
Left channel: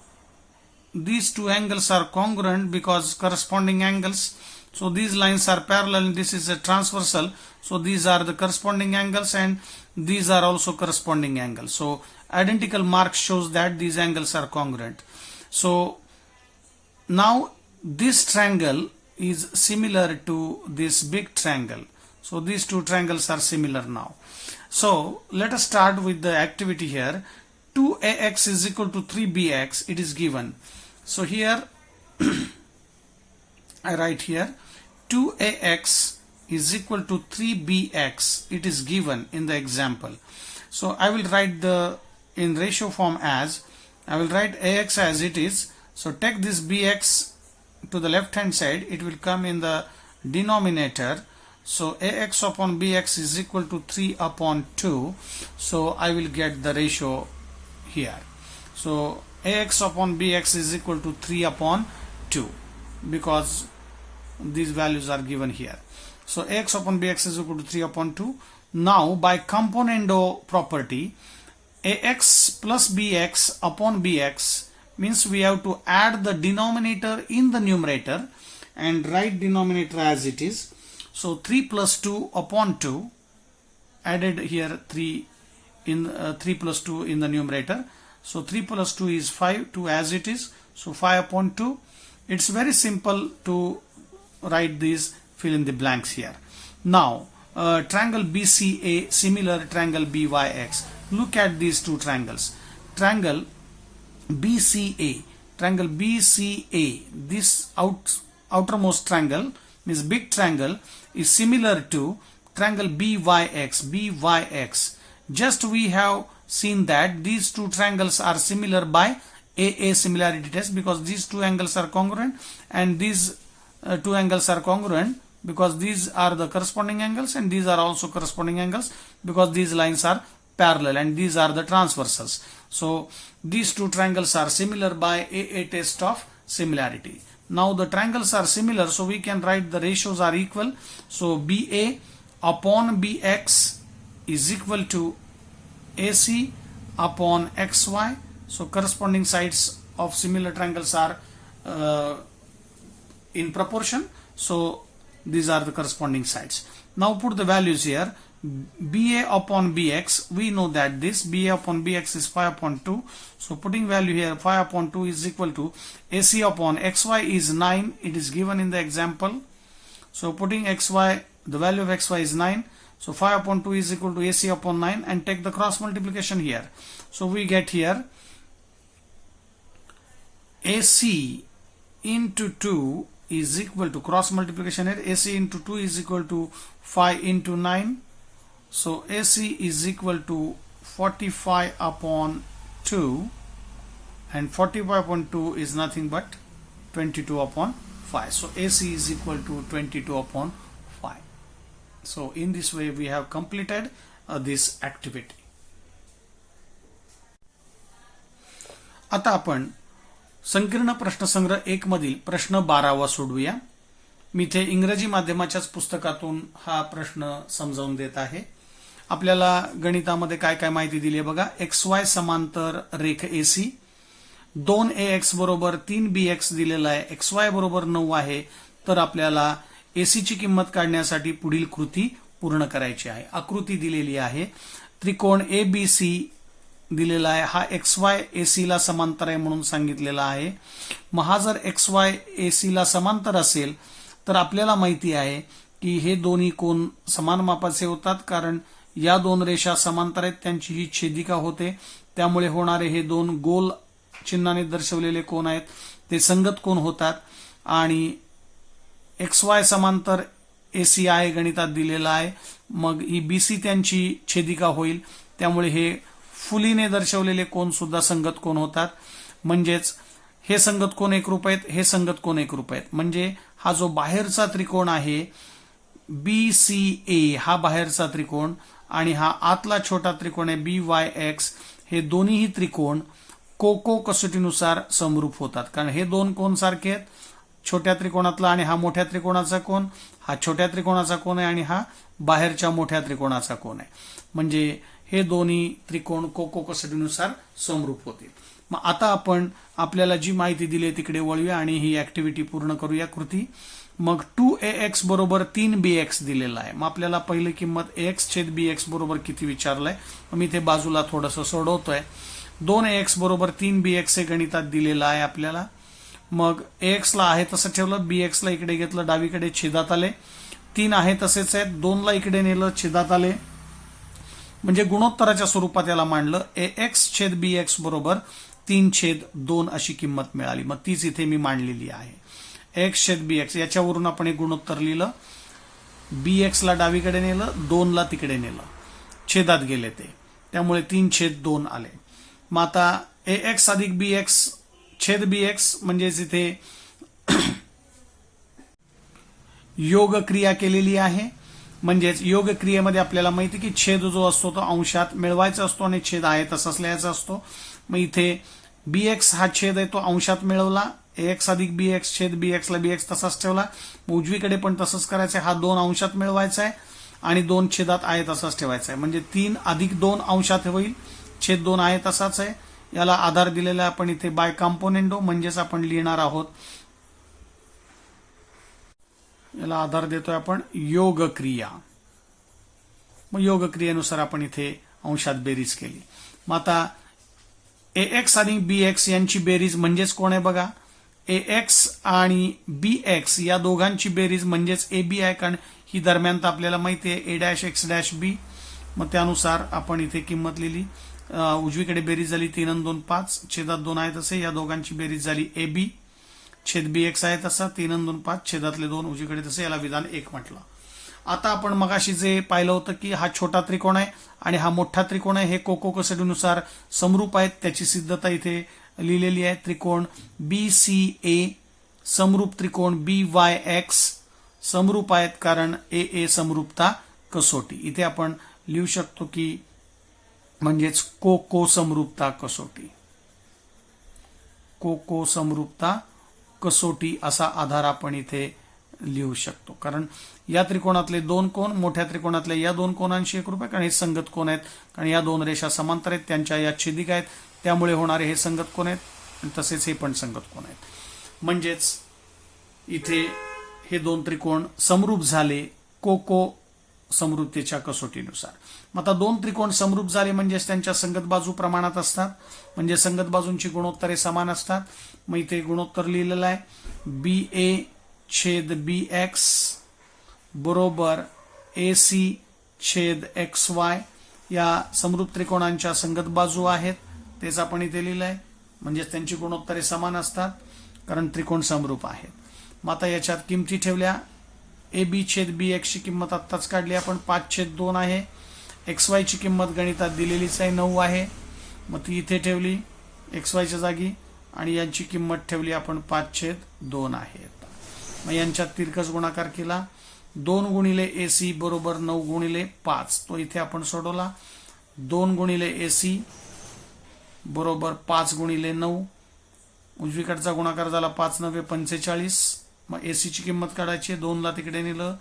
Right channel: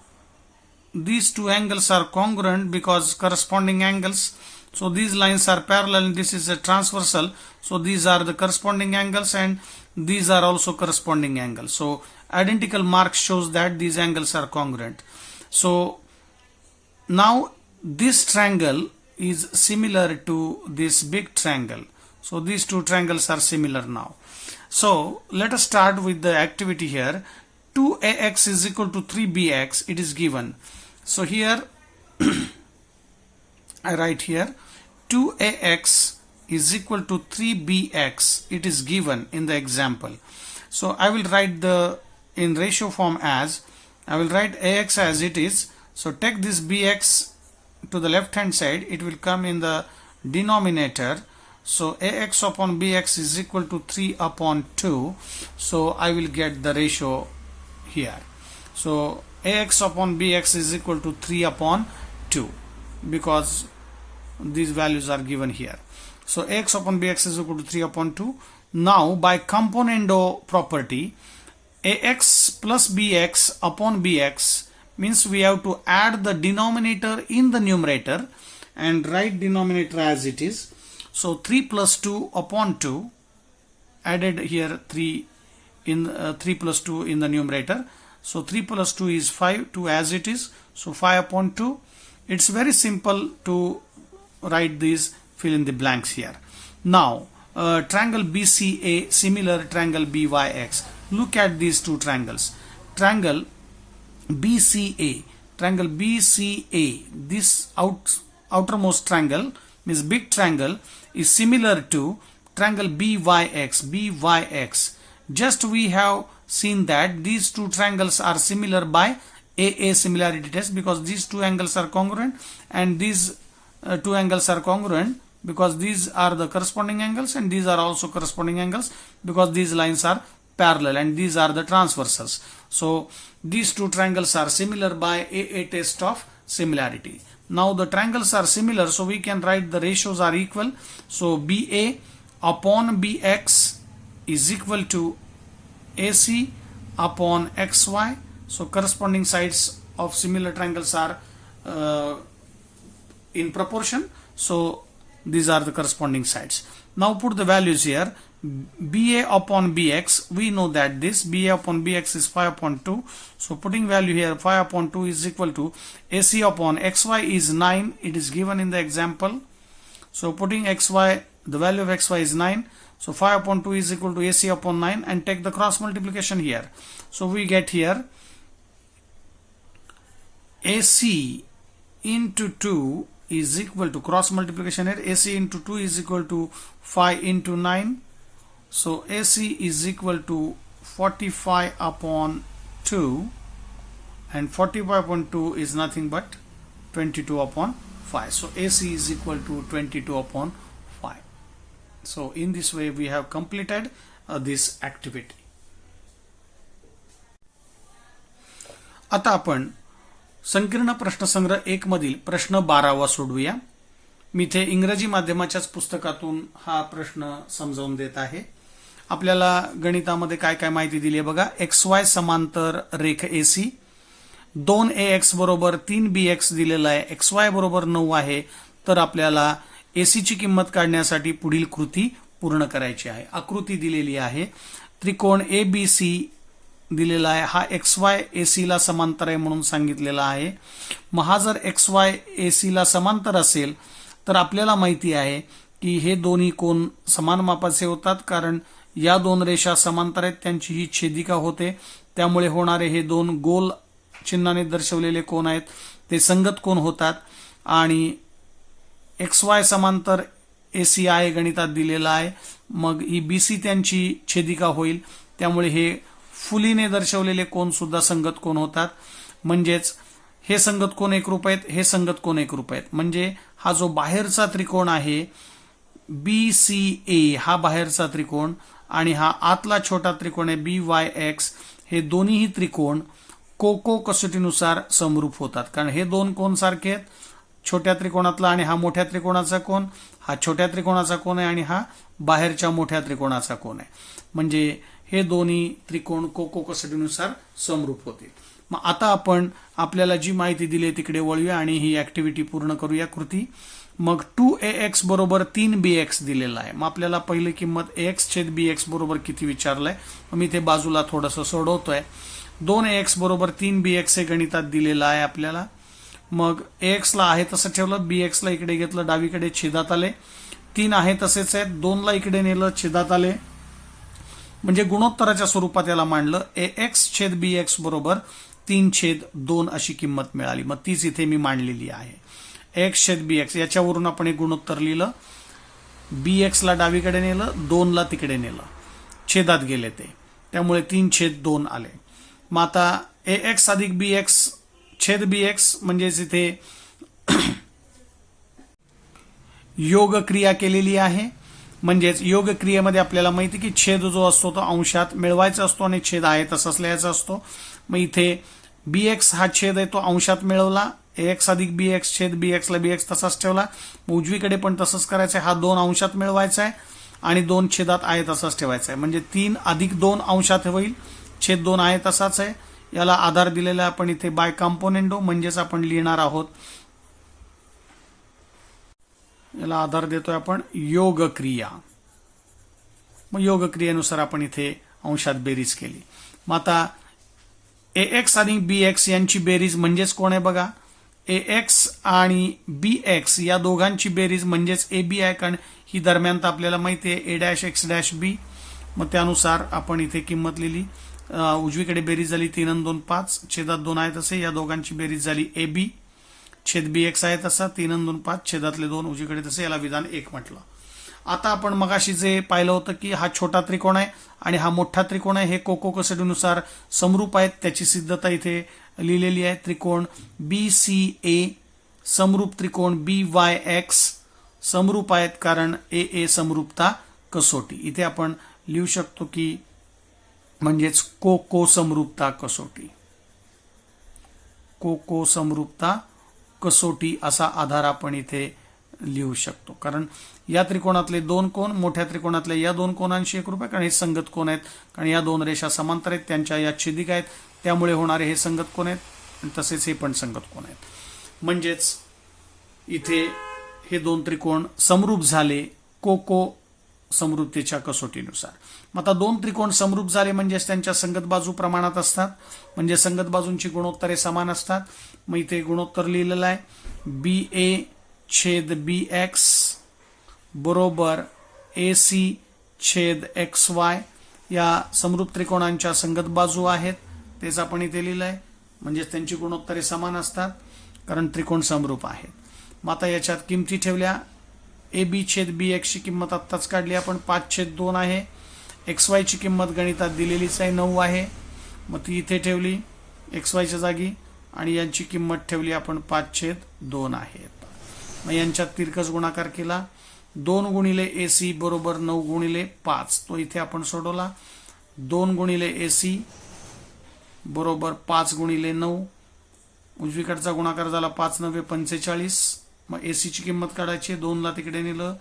these two angles are congruent because corresponding angles. So these lines are parallel. This is a transversal. So these are the corresponding angles, and these are also corresponding angles. So identical mark shows that these angles are congruent. So now this triangle is similar to this big triangle. So these two triangles are similar now. So let us start with the activity here. 2AX is equal to 3BX. It is given. So here I write here 2AX is equal to 3BX. It is given in the example. So I will write the in ratio form as, I will write AX as it is. So take this BX to the left hand side, it will come in the denominator. So AX upon BX is equal to 3 upon 2. So I will get the ratio here. So AX upon BX is equal to 3 upon 2 because these values are given here. So AX upon BX is equal to 3 upon 2. Now by componendo property, AX plus BX upon BX means we have to add the denominator in the numerator and write denominator as it is. So 3 plus 2 upon 2, added here 3 in 3 plus 2 in the numerator. So 3 plus 2 is 5, 2 as it is. So 5 upon 2. It's very simple to write these, fill in the blanks here. Now triangle BCA similar triangle BYX. Look at these two triangles. Triangle BCA, this outermost triangle means big triangle is similar to triangle BYX. Just we have seen that these two triangles are similar by AA similarity test, because these two angles are congruent, and these two angles are congruent because these are the corresponding angles, and these are also corresponding angles because these lines are parallel and these are the transversals. So these two triangles are similar by AA test of similarity. Now the triangles are similar, so we can write the ratios are equal. So BA upon BX is equal to AC upon XY. So corresponding sides of similar triangles are in proportion. So these are the corresponding sides. Now put the values here. BA upon BX, we know that this BA upon BX is 5 upon 2. So putting value here, 5 upon 2 is equal to AC upon XY is 9. It is given in the example. So putting XY, the value of XY is 9. So 5 upon 2 is equal to AC upon 9, and take the cross multiplication here. So we get here AC into 2 is equal to, cross multiplication here, AC into 2 is equal to 5 into 9. So AC is equal to 45 upon 2, and 45 upon 2 is nothing but 22 upon 5. So AC is equal to 22 upon 5. So in this way we have completed this activity. आता आपण संकीर्ण प्रश्नसंग्रह 1 मधील प्रश्न 12वा सोडवूया. मी इथे इंग्रजी माध्यमाच्याच पुस्तकातून हा प्रश्न समजावून देत आहे. आपल्याला गणितामध्ये काय काय माहिती दिली आहे बघा. XY समांतर रेख AC, 2AX बरोबर 3BX दिलेला आहे, XY बरोबर 9 आहे. तर आपल्याला AC ची किंमत काढण्यासाठी पुढील कृती पूर्ण करायची आहे. आकृती दिलेली आहे. त्रिकोण ABC दिलेला आहे. हा XY AC ला समांतर आहे म्हणून सांगितलेला आहे. मग हा जर XY AC ला समांतर असेल तर आपल्याला माहिती आहे की हे दोन्ही कोन समान मापाचे होतात, कारण या दोन रेषा समांतर आहेत, त्यांची ही छेदिका होते. त्यामुळे होणारे हे दोन गोल चिन्हाने दर्शवलेले कोन आहेत ते संगत कोन होतात. आणि XY समांतर AC आहे, गणितात दिलेला आहे. मग ही BC त्यांची छेदिका होईल, त्यामुळे हे फुलीने दर्शवलेले कोन सुद्धा संगत कोन होतात. म्हणजेच हे संगत कोन एकरूप आहेत, हे संगत कोन एकरूप आहेत. म्हणजे हा जो बाहेरचा त्रिकोण आहे BCA, हा बाहेरचा त्रिकोण, आणि हा आतला छोटा त्रिकोण आहे BYX, हे दोन्हीही त्रिकोण कोको कसोटीनुसार समरूप होतात. कारण हे दोन कोन सारखे आहेत. छोट्या त्रिकोणातला आणि हा मोठ्या त्रिकोणाचा कोन, हा छोट्या त्रिकोणाचा कोन आहे आणि हा बाहेरच्या मोठ्या त्रिकोणाचा कोन आहे. म्हणजे हे दोन्ही त्रिकोण कोको कसोटीनुसार समरूप होतील. मग आता आपण आपल्याला जी माहिती दिली तिकडे वळूया आणि ही ऍक्टिव्हिटी पूर्ण करूया कृती. मग 2AX बरोबर 3BX दिलेला आहे. मग आपल्याला पहिली किंमत AX छेद BX बरोबर किती विचारलंय, मी इथे बाजूला थोडंसं सोडवतोय. 2AX बरोबर 3BX हे गणितात दिलेलं आहे आपल्याला. मग AX ला आहे तसं ठेवलं, BX ला इकडे घेतलं, डावीकडे छेदात आले. 3 आहे तसेच आहेत, 2 ला इकडे नेलं, छेदात आले. म्हणजे गुणोत्तराच्या स्वरूपात याला मांडलं. AX छेद BX बरोबर 3/2 अशी किंमत मिळाली. मग तीच इथे मी मांडलेली आहे. AX छेद BX याच्यावरून आपण एक गुणोत्तर लिहिलं. BX ला डावीकडे नेलं, 2 ला तिकडे नेलं, छेदात गेले ते, त्यामुळे 3/2 आले. मग आता AX अधिक BX छेद BX म्हणजेच इथे योग क्रिया केलेली आहे. म्हणजेच योग क्रियेमध्ये आपल्याला माहिती की छेद जो असतो तो अंशात मिळवायचा असतो आणि छेद आहे तसाच लिहायचा असतो. मग इथे BX हा छेद आहे तो अंशात मिळवला. AX अधिक BX छेद BX ला BX तसाच ठेवला. उजवीकडे पण तसंच करायचं आहे. हा 2 अंशात मिळवायचा आहे आणि 2 छेदात आहे तसाच ठेवायचा आहे. म्हणजे 3 अधिक 2 अंशात होईल, छेद 2 आहे तसाच आहे. याला आधार दिलेला आपण इथे बाय कॉम्पोनेंडो, म्हणजेच आपण लिहिणार आहोत, याला आधार देतोय आपण योग क्रिया. मग योग क्रियेनुसार आपण इथे अंशात बेरीज केली. मग आता AX आणि BX यांची बेरीज म्हणजेच कोण आहे बघा, AX आणि BX या दोघांची बेरीज म्हणजेच AB आहे, कारण ही दरम्यान तर आपल्याला माहिती आहे A'(X')B. मग त्यानुसार आपण इथे किंमत लिहिली. उजवीकडे बेरीज झाली 3 आणि 2 5, छेदात 2 आहे तसे या दोघांची बेरीज झाली AB छेद BX आहे तसा 3 आणि 2 5, छेदातले 2 उजवीकडे तसे, याला विधान 1 म्हटलं. आता आपण मगाशी जे पाहिलं होतं की हा छोटा त्रिकोण आहे आणि हा मोठा त्रिकोण आहे, हे कोको कसोटीनुसार समरूप आहेत. त्याची सिद्धता इथे लिहिलेली आहे. त्रिकोण BCA समरूप त्रिकोण BYX समरूप आहेत, कारण AA समरूपता कसोटी. इथे आपण लिहू शकतो की म्हणजेच कोको समरूपता कसोटी, कोको समरूपता कसोटी असा आधार आपण इथे लिहू शकतो. कारण या त्रिकोणातले 2 कोन मोठ्या त्रिकोणातल्या या 2 कोनांशी एकरूप आहे, कारण हे संगत कोन आहेत, कारण या 2 रेषा समांतर आहेत, त्यांच्या या छेदिका आहेत, त्यामुळे होणारे हे संगत कोन आहेत आणि तसेच हे पण संगत कोन आहेत. म्हणजेच इथे हे 2 त्रिकोण समरूप झाले कोको समरूपतेच्या कसोटीनुसार. मग आता 2 त्रिकोण समरूप झाले म्हणजेच त्यांच्या संगत बाजू प्रमाणात असतात, म्हणजे संगत बाजूंची गुणोत्तरे समान असतात. मग इथे गुणोत्तर लिहिलेलं आहे BA छेद BX बरोबर AC छेद XY. या समरूप त्रिकोणांच्या संगत बाजू आहेत, तेच आपण इथे लिहिलं आहे. म्हणजेच त्यांची गुणोत्तरे समान असतात, कारण त्रिकोण समरूप आहेत. मग आता याच्यात किमती ठेवल्या. AB छेद BX ची किंमत आत्ताच काढली आपण 5/2 आहे. XY ची किंमत गणितात दिलेलीच आहे 9 आहे. मग ती इथे ठेवली XY च्या जागी आणि यांची किंमत ठेवली आपण 5/2 आहे. मग यांच्यात तिरकस गुणाकार केला. 2 गुणिले AC बरोबर 9 गुणिले 5, तो इथे आपण सोडवला. 2 गुणिले AC बरोबर 5 गुणिले 9, उजवीकडचा गुणाकार झाला 5 9 45. मग AC ची किंमत काढायची, 2 ला तिकडे नेलं,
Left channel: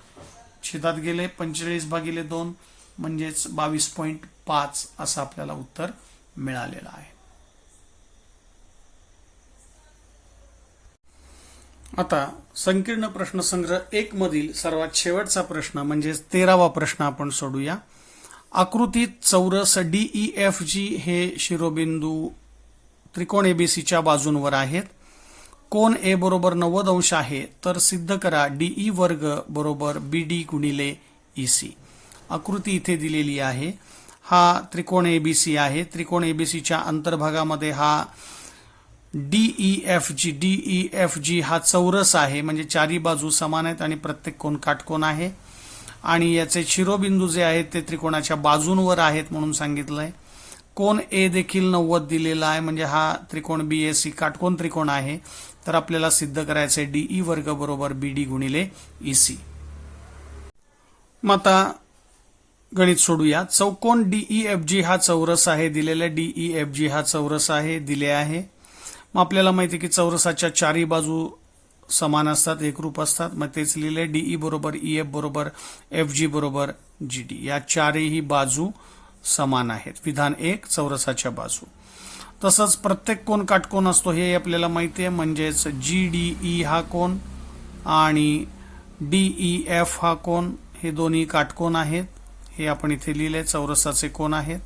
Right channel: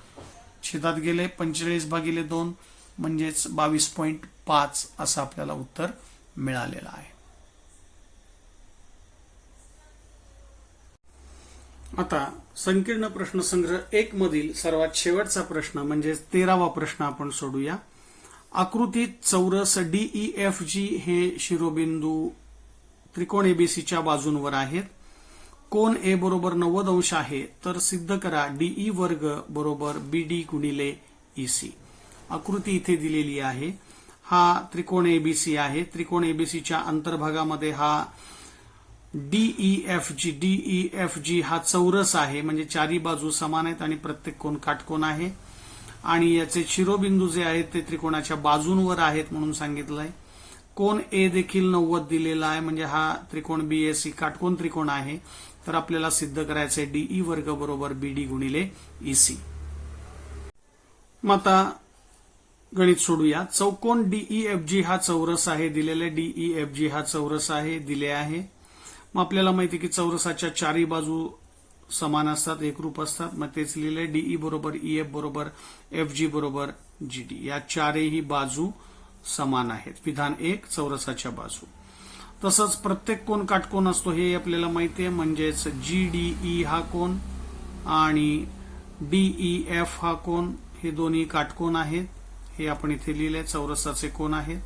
छेदात गेले 45/2 म्हणजेच 22.5 असं आपल्याला उत्तर मिळालेलं आहे. आता संकीर्ण प्रश्नसंग्रह 1 मधील सर्वात शेवटचा प्रश्न म्हणजेच 13वा प्रश्न आपण सोडूया. आकृतीत चौरस DEFG हे शिरोबिंदू त्रिकोण ABCच्या बाजूंवर आहेत. कोन A बरोबर 90 अंश आहे, तर सिद्ध करा DE वर्ग बरोबर BD गुणिले EC. आकृती इथे दिलेली आहे. हा त्रिकोण ABC आहे. त्रिकोण ABCच्या अंतर्भागामध्ये हा DEFG हा चौरस आहे, म्हणजे चारी बाजू समान आहेत आणि प्रत्येक कोन काटकोन आहे. आणि याचे शिरोबिंदू जे आहेत ते त्रिकोणाच्या बाजूंवर आहेत म्हणून सांगितलंय. कोन A देखील 90 दिलेला आहे, म्हणजे हा त्रिकोण BAC काटकोन त्रिकोण आहे. तर आपल्याला सिद्ध करायचे DE वर्ग बरोबर BD गुणिले EC. मग आता गणित सोडूया. चौकोन DEFG हा चौरस आहे दिलेला, DEFG हा चौरस आहे दिले आहे. मग आपल्याला माहिती आहे की चौरसाच्या चारी बाजू समान असतात, एकरूप असतात. मग तेच लिहिले DE बरोबर EF बरोबर FG बरोबर GD. या चारही बाजू समान आहेत. विधान 1 चौरसाच्या बाजू. तसंच प्रत्येक कोन काटकोन असतो हे आपल्याला माहिती आहे, म्हणजेच GDE हा कोन आणि DEF हा कोन हे दोन्ही काटकोन आहेत. हे आपण इथे लिहिले चौरसाचे कोन आहेत.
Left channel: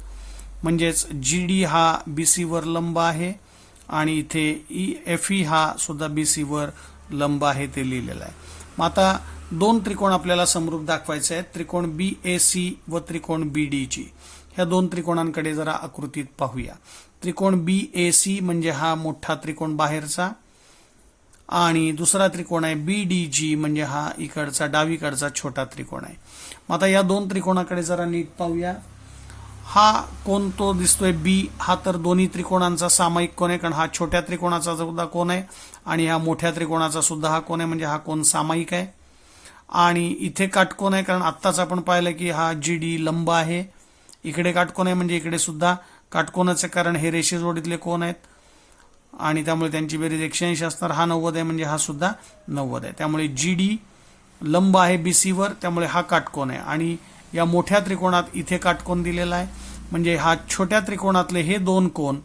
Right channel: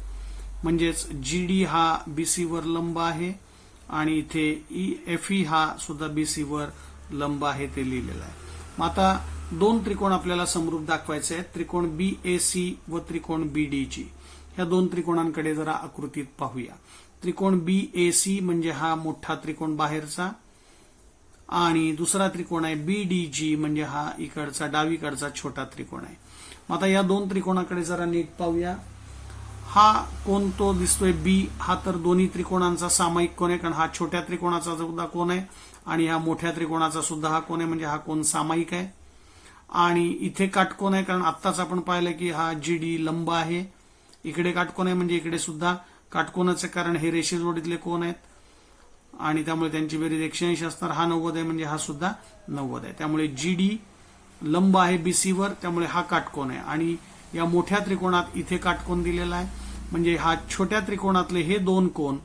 म्हणजेच GD हा BC वर लंब आहे आणि इथे FE हा सुद्धा BC वर लंब आहे ते लिहिलेलं आहे. मग आता 2 त्रिकोण आपल्याला समरूप दाखवायचे आहेत, त्रिकोण BAC व त्रिकोण BDG. ह्या 2 त्रिकोणांकडे जरा आकृतीत पाहूया. त्रिकोण BAC म्हणजे हा मोठा त्रिकोण बाहेरचा आणि दुसरा त्रिकोण आहे BDG म्हणजे हा इकडचा डावीकडचा छोटा त्रिकोण आहे. मग आता या 2 त्रिकोणाकडे जरा नीट पाहूया. हा कोण तो दिसतोय B, हा तर दोन्ही त्रिकोणांचा सामायिक कोन आहे, कारण हा छोट्या त्रिकोणाचा सुद्धा कोन आहे आणि हा मोठ्या त्रिकोणाचा सुद्धा हा कोन आहे, म्हणजे हा कोन सामायिक आहे. आणि इथे काटकोन आहे, कारण आत्ताच आपण पाहिलं की हा GD लंब आहे. इकडे काटकोन आहे म्हणजे इकडे सुद्धा काटकोनाचे, कारण हे रेषेजोडीतले कोन आहेत आणि त्यामुळे त्यांची बेरीज 180 असणार. हा 90 आहे म्हणजे हा सुद्धा 90 आहे. त्यामुळे GD लंब आहे BC वर, त्यामुळे हा काटकोन आहे. आणि या मोठ्या त्रिकोणात इथे काटकोन दिलेला आहे, म्हणजे हा छोट्या त्रिकोणातले हे 2 कोन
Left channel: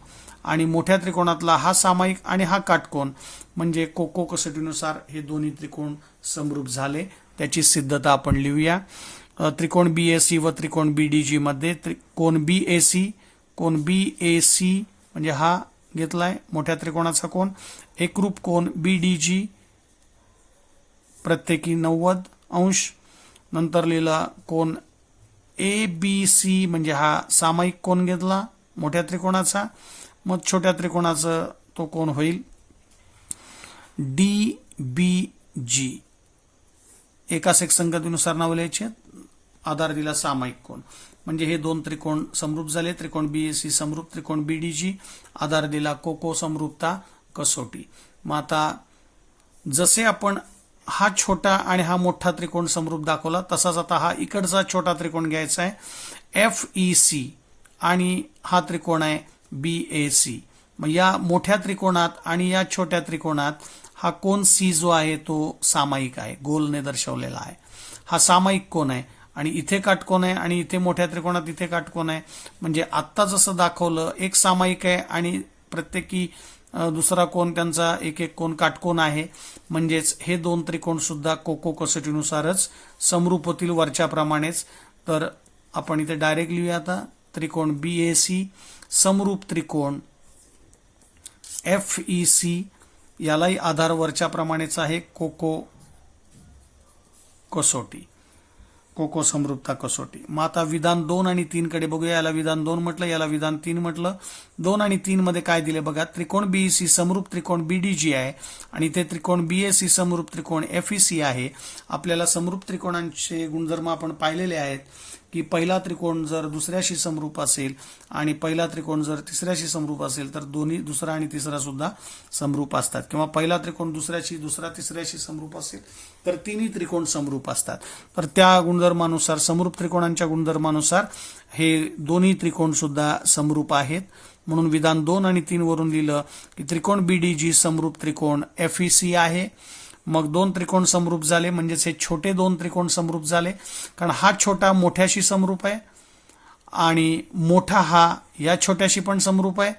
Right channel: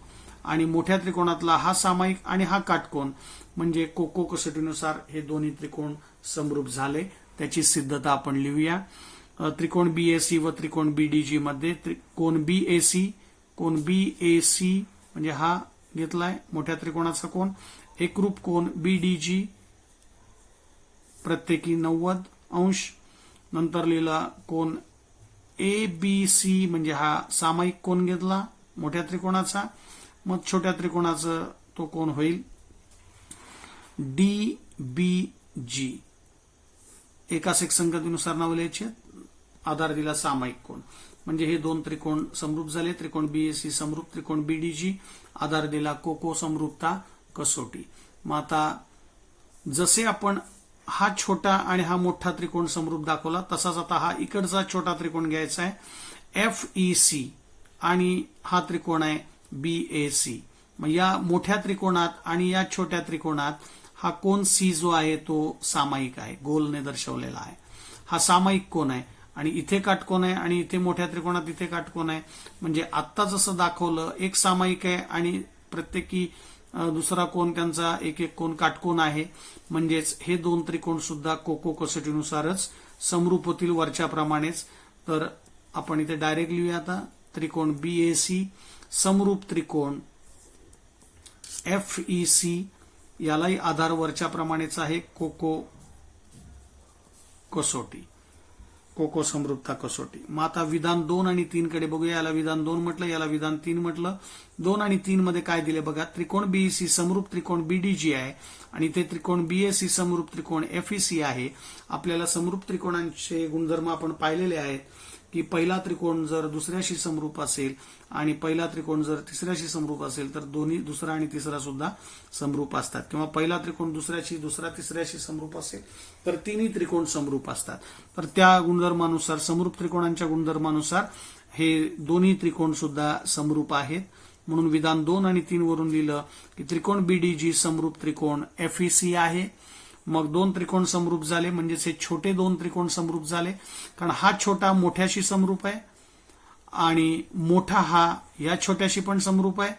आणि मोठ्या त्रिकोणातला हा सामायिक आणि हा काटकोन, म्हणजे कोको कसोटीनुसार हे दोन्ही त्रिकोण समरूप झाले. त्याची सिद्धता आपण लिहूया. त्रिकोण BAC व त्रिकोण BDG मध्ये कोन BAC म्हणजे हा घेतलाय मोठ्या त्रिकोणाचा कोन एकरूप कोन BDG प्रत्येकी 90°. नंतर लिहिला कोन ABC म्हणजे हा सामायिक कोन घेतला मोठ्या त्रिकोणाचा. मग छोट्या त्रिकोणाचा तो कोन होईल DBG. एकाच एक संगतीनुसार नाव लिहायचे. आधार दिला सामायिक कोन म्हणजे हे दोन त्रिकोण समरूप झाले. त्रिकोण BAC समरूप, त्रिकोण BDG. आधार दिला कोको समरूपता कसोटी. मग आता जसे आपण हा छोटा आणि हा मोठा त्रिकोण समरूप दाखवला तसाच आता हा इकडचा छोटा त्रिकोण घ्यायचा आहे FEC आणि हा त्रिकोण आहे BAC. मग या मोठ्या त्रिकोणात आणि या छोट्या त्रिकोणात हा कोन C जो आहे तो सामायिक आहे, गोलने दर्शवलेला आहे. हा सामायिक कोन आहे आणि इथे काटकोन आहे आणि इथे मोठ्या त्रिकोणात इथे काटकोन आहे. म्हणजे आत्ता जसं दाखवलं एक सामायिक आहे आणि प्रत्येकी दुसरा कोन त्यांचा एक एक कोन काटकोन आहे. म्हणजेच हे दोन त्रिकोण सुद्धा कोको कसोटीनुसारच समरूप होतील वरच्याप्रमाणेच. तर आपण इथे डायरेक्ट लिहूया आता त्रिकोण BAC समरूप त्रिकोण FEC. यालाही आधार वरच्याप्रमाणेच आहे कोको कसोटी, कोको समरूपता कसोटी. मग आता विधान 2 आणि 3 कडे बघूया. याला विधान 2 म्हटलं, याला विधान 3 म्हटलं. 2 आणि 3 मध्ये काय दिले बघा. त्रिकोण BEC समरूप त्रिकोण BDG आहे आणि इथे त्रिकोण BAC समरूप त्रिकोण FEC आहे. आपल्याला समरूप त्रिकोणांचे गुणधर्म आपण पाहिलेले आहेत की पहिला त्रिकोण जर दुसऱ्याशी समरूप असेल आणि पहिला त्रिकोण जर तिसऱ्याशी समरूप असेल तर दोन्ही दुसरा आणि तिसरा सुद्धा समरूप असतात. किंवा पहिला त्रिकोण दुसऱ्याशी, दुसरा तिसऱ्याशी समरूप असेल तर तिन्ही त्रिकोण समरूप असतात. तर त्या गुणधर्मानुसार, समरूप त्रिकोणांच्या गुणधर्मानुसार हे दोन्ही त्रिकोण सुद्धा समरूप आहेत. म्हणून विधान 2 आणि 3 वरून लिहिलं की त्रिकोण BDG समरूप त्रिकोण FEC आहे. मग दोन त्रिकोण समरूप झाले म्हणजेच हे छोटे दोन त्रिकोण समरूप झाले. कारण हा छोटा मोठ्याशी समरूप आहे आणि मोठा हा या छोट्याशी पण समरूप आहे.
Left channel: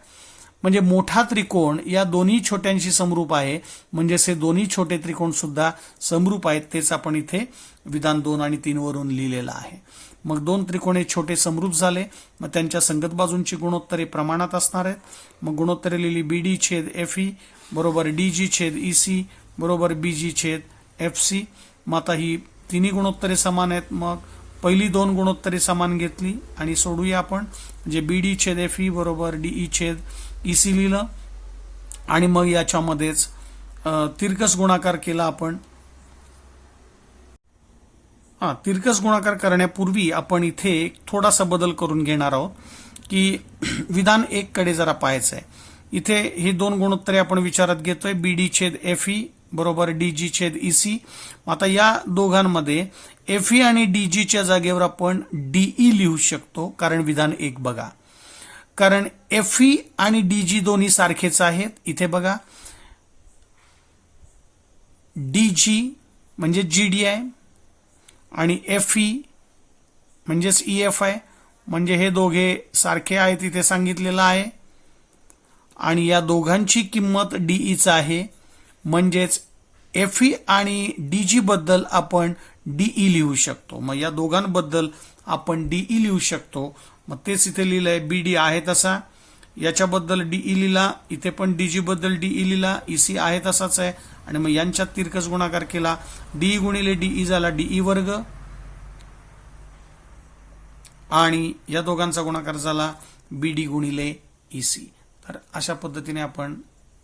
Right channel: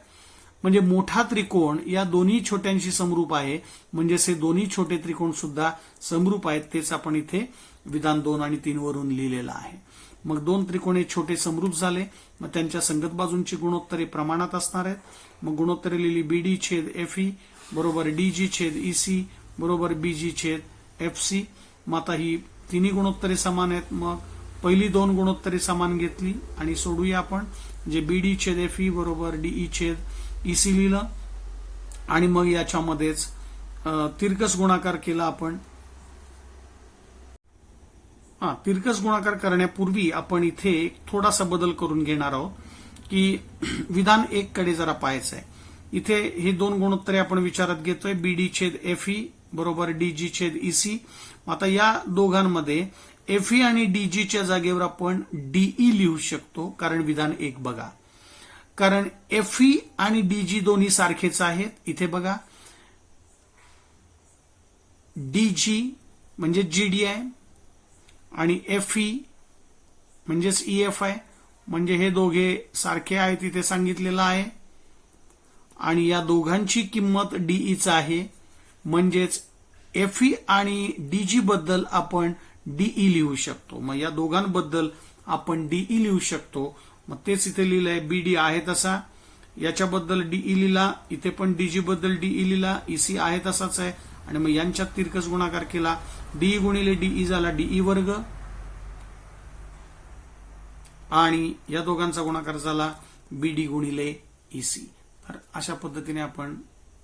म्हणजे मोठा त्रिकोण या दोन्ही छोट्यांशी समरूप आहे. म्हणजेच हे दोन्ही छोटे त्रिकोण सुद्धा समरूप आहेत. तेच आपण इथे विधान 2 आणि 3 वरून लिहिलेलं आहे. मग दोन त्रिकोण हे छोटे समरूप झाले. मग त्यांच्या संगत बाजूंची गुणोत्तरे प्रमाणात असणार आहेत. मग गुणोत्तरे लिहिली BD छेद FE बरोबर DG छेद EC बरोबर BG छेद FC. मग आता ही तिन्ही गुणोत्तरे समान आहेत. मग पहिली दोन गुणोत्तरे समान घेतली आणि सोडूया आपण. म्हणजे BD छेद FE बरोबर DE छेद EC लिहिलं आणि मग याच्यामध्येच तिरकस गुणाकार केला आपण. तिरकस गुणाकार करण्यापूर्वी आपण इथे थोडासा बदल करून घेणार आहोत की विधान 1 कडे जरा पाहायचं आहे. इथे हे दोन गुणोत्तरे आपण विचारात घेतोय BD छेद FE बरोबर DG छेद EC. आता या दोघांमध्ये FE आणि DGच्या जागेवर आपण DE लिहू शकतो. कारण विधान 1 बघा, कारण FE आणि DG दोन्ही सारखेच आहेत. इथे बघा DG म्हणजे GD आहे आणि FE म्हणजेच EF आहे. म्हणजे हे दोघे सारखे आहेत इथे सांगितलेलं आहे आणि या दोघांची किंमत DEच आहे. म्हणजेच FE आणि DG बद्दल आपण DE लिहू शकतो. मग या दोघांबद्दल आपण DE लिहू शकतो. मग तेच इथे लिहिलंय BD आहे तसा, याच्याबद्दल DE लिहिला, इथे पण DG बद्दल DE लिहिला, EC आहे तसाच आहे आणि मग यांच्यात तिरकस गुणाकार केला. DE गुणिले DE झाला DE वर्ग आणि या दोघांचा गुणाकार झाला BD गुणिले EC. तर अशा पद्धतीने आपण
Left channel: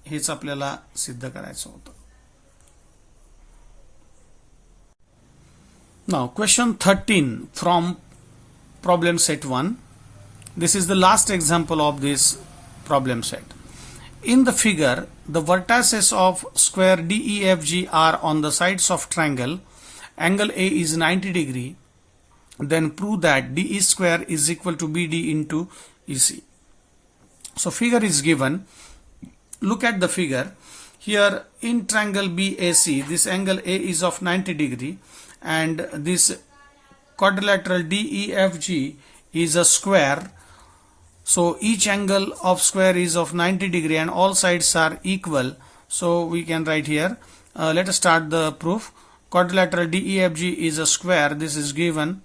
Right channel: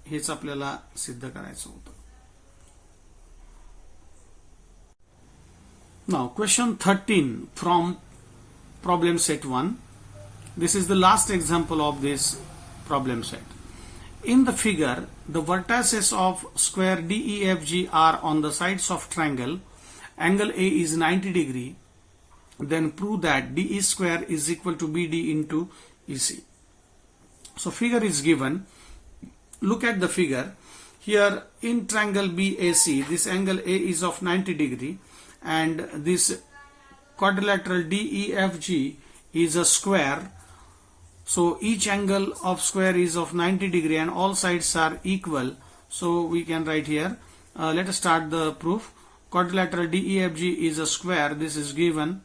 हेच आपल्याला सिद्ध करायचं होतं. Now question 13 from problem set 1. This is the last example of this problem set. In the figure, the vertices of square DEFG are on the sides of triangle. Angle A is 90 degree. Then prove that DE square is equal to BD into EC. So figure is given. Look at the figure. Here in triangle BAC, this angle A is of 90 degree and this quadrilateral DEFG is a square. So each angle of square is of 90 degree and all sides are equal. So we can write here. Let us start the proof. Quadrilateral DEFG is a square. This is given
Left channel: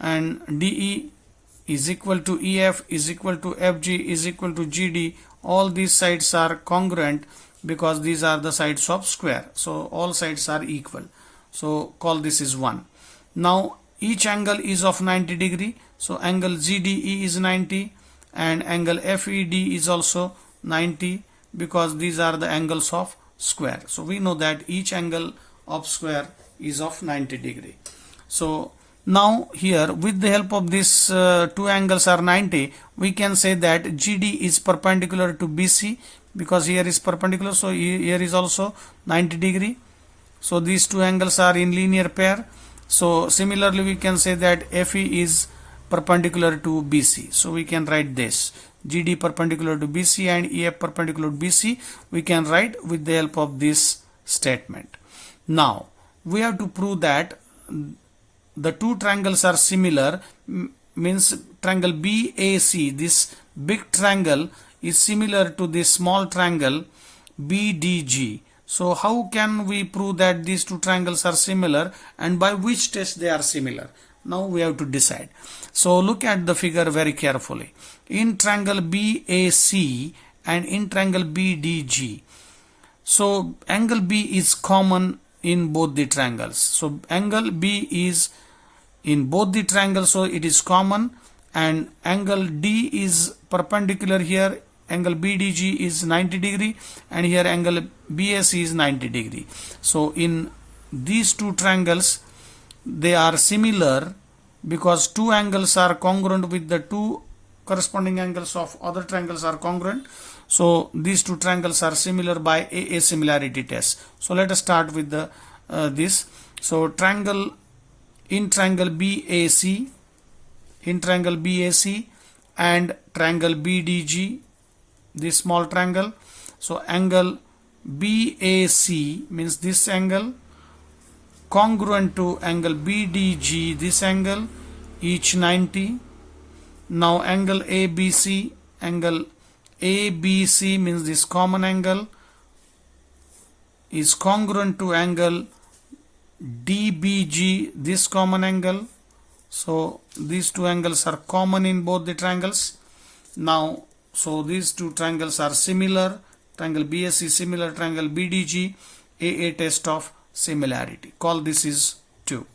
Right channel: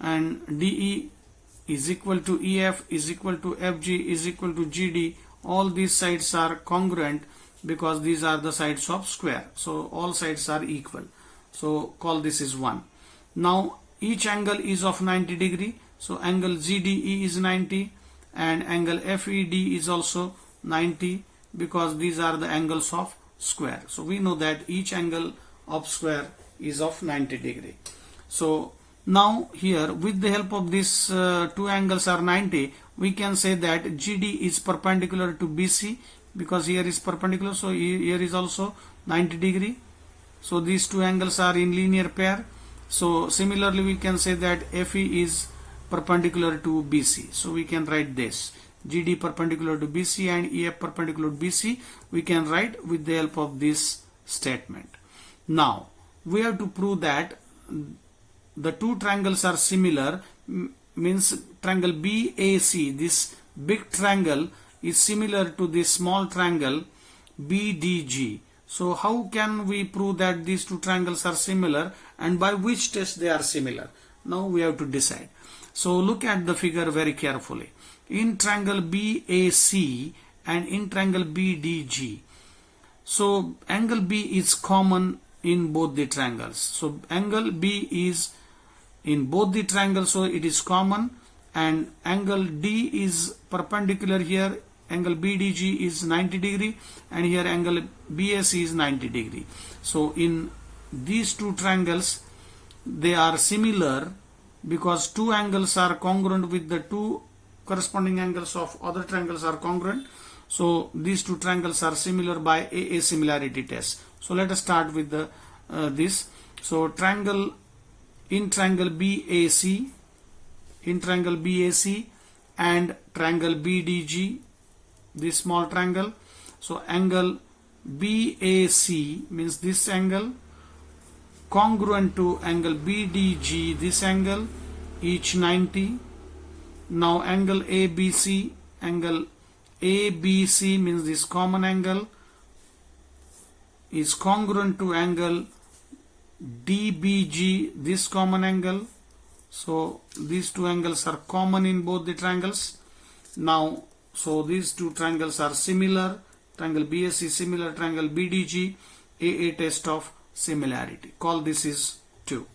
and DE is equal to EF is equal to FG is equal to GD. All these sides are congruent. because these are the sides of square. So all sides are equal. So call this is 1. Now each angle is of 90 degree. So angle ZDE is 90 and angle FED is also 90 because these are the angles of square. So we know that each angle of square is of 90 degree. So now here with the help of this two angles are 90, we can say that GD is perpendicular to BC because here is perpendicular, so here is also 90 degree. So these two angles are in linear pair. So similarly we can say that FE is perpendicular to BC. So we can write this GD perpendicular to BC and EF perpendicular to BC. We can write with the help of this statement. Now we have to prove that the two triangles are similar, means triangle BAC, this big triangle is similar to this small triangle BDG. So how can we prove that these two triangles are similar and by which test they are similar? Now we have to decide. So look at the figure very carefully. In triangle BAC and in triangle BDG, so angle B is common in both the triangles. So angle B is in both the triangles, so it is common, and angle D is perpendicular here. Angle BDG is 90 degree and here angle BAC is 90 degree. So in these two triangles they are similar because two angles are congruent with the two corresponding angles of other triangles are congruent. So these two triangles are similar by AA similarity test. So let us start with the this. So triangle BAC, in triangle BAC and triangle BDG, this small triangle. So angle BAC means this angle congruent to angle BDG, this angle, each 90. Now angle ABC means this common angle is congruent to angle DBG, this common angle. So these two angles are common in both the triangles. Now so these two triangles are similar. Triangle BAC similar, triangle BDG, AA test of similarity. Call this is 2.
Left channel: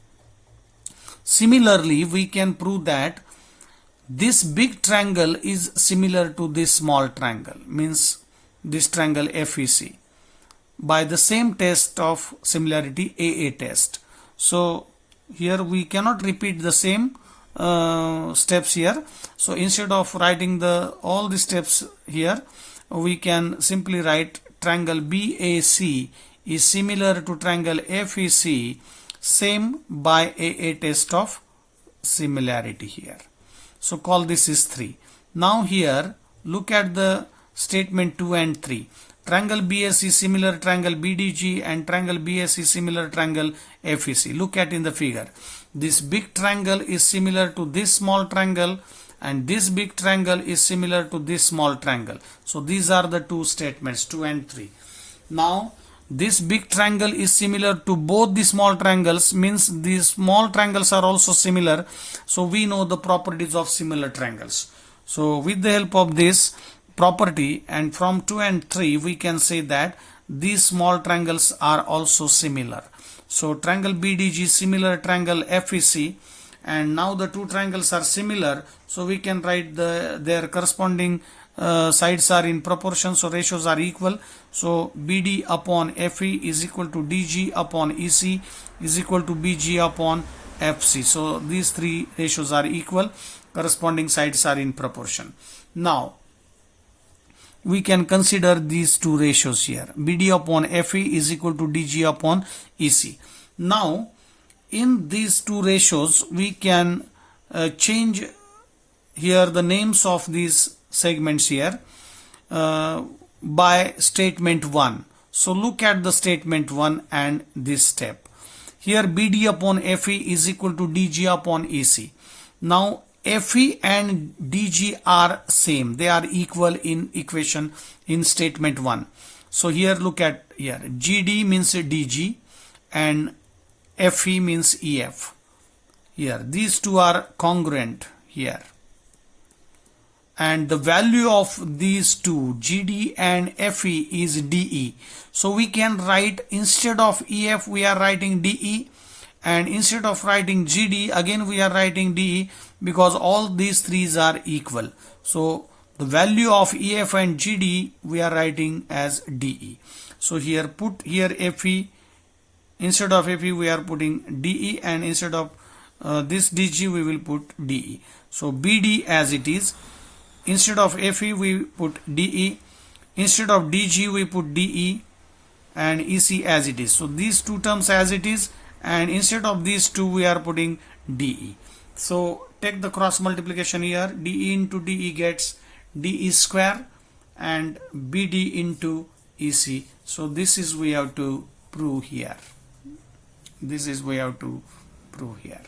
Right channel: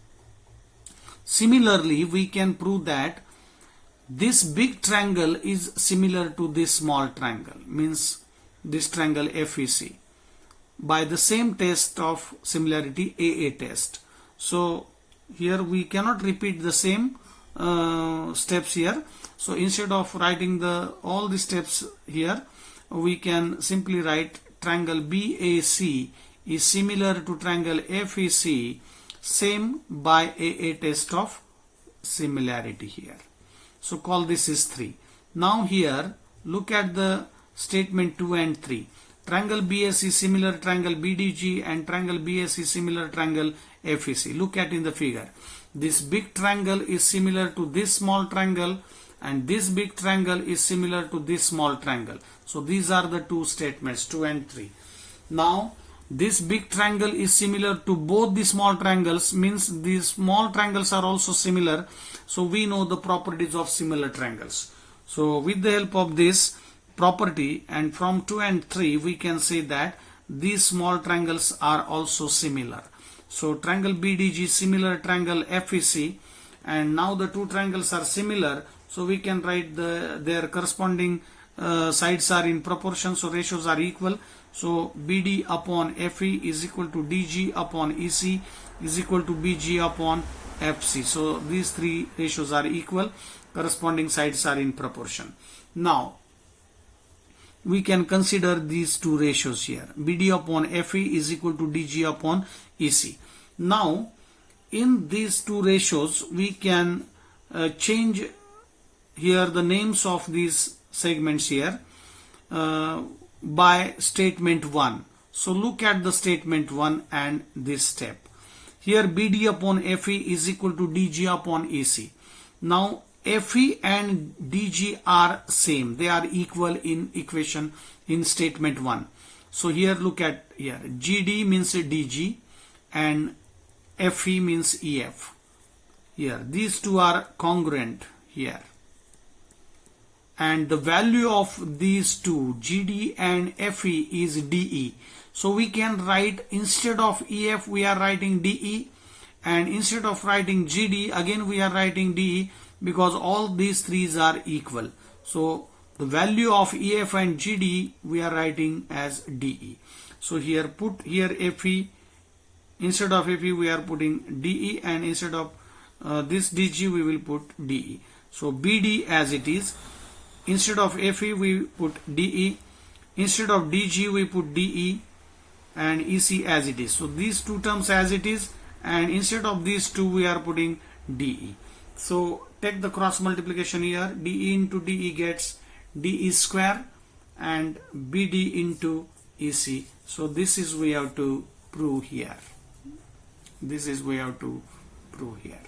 Similarly, we can prove that this big triangle is similar to this small triangle, means this triangle FEC, by the same test of similarity, AA test. So here we cannot repeat the same steps here. So instead of writing all the steps here, we can simply write triangle BAC is similar to triangle FEC, same by AA test of similarity here. So call this is 3. Now here look at the statement 2 and 3. Triangle BAC similar triangle BDG and triangle BAC similar triangle FEC. Look at in the figure. This big triangle is similar to this small triangle and this big triangle is similar to this small triangle. So these are the two statements 2 and 3. Now this big triangle is similar to both the small triangles, means these small triangles are also similar. So we know the properties of similar triangles. So with the help of this property and from 2 and 3 we can say that these small triangles are also similar. So triangle BDG similar triangle FEC, and now the two triangles are similar, so we can write their corresponding sides are in proportion, so ratios are equal. So BD upon FE is equal to DG upon EC is equal to BG upon FC. So these three ratios are equal, corresponding sides are in proportion. Now we can consider these two ratios here. BD upon FE is equal to DG upon EC. Now in these two ratios we can change here the names of these segments here by statement 1. So look at the statement 1 and this step. Here BD upon FE is equal to DG upon EC. Now FE and DG are same, they are equal in equation in statement 1. So here look at here, GD means DG and FE means EF. Here these two are congruent here, and the value of these two, GD and FE, is DE. So we can write, instead of EF we are writing DE, and instead of writing GD again we are writing DE, because all these threes are equal. So the value of EF and GD we are writing as DE. So here put here FE, instead of FE we are putting DE, and instead of this DG we will put DE. So BD as it is, instead of FE we put DE, instead of DG we put DE, and EC as it is. So these two terms as it is, and instead of these two we are putting DE. So take the cross multiplication here, DE into DE gets DE square and BD into EC. So this is we have to prove here. This is we have to prove here.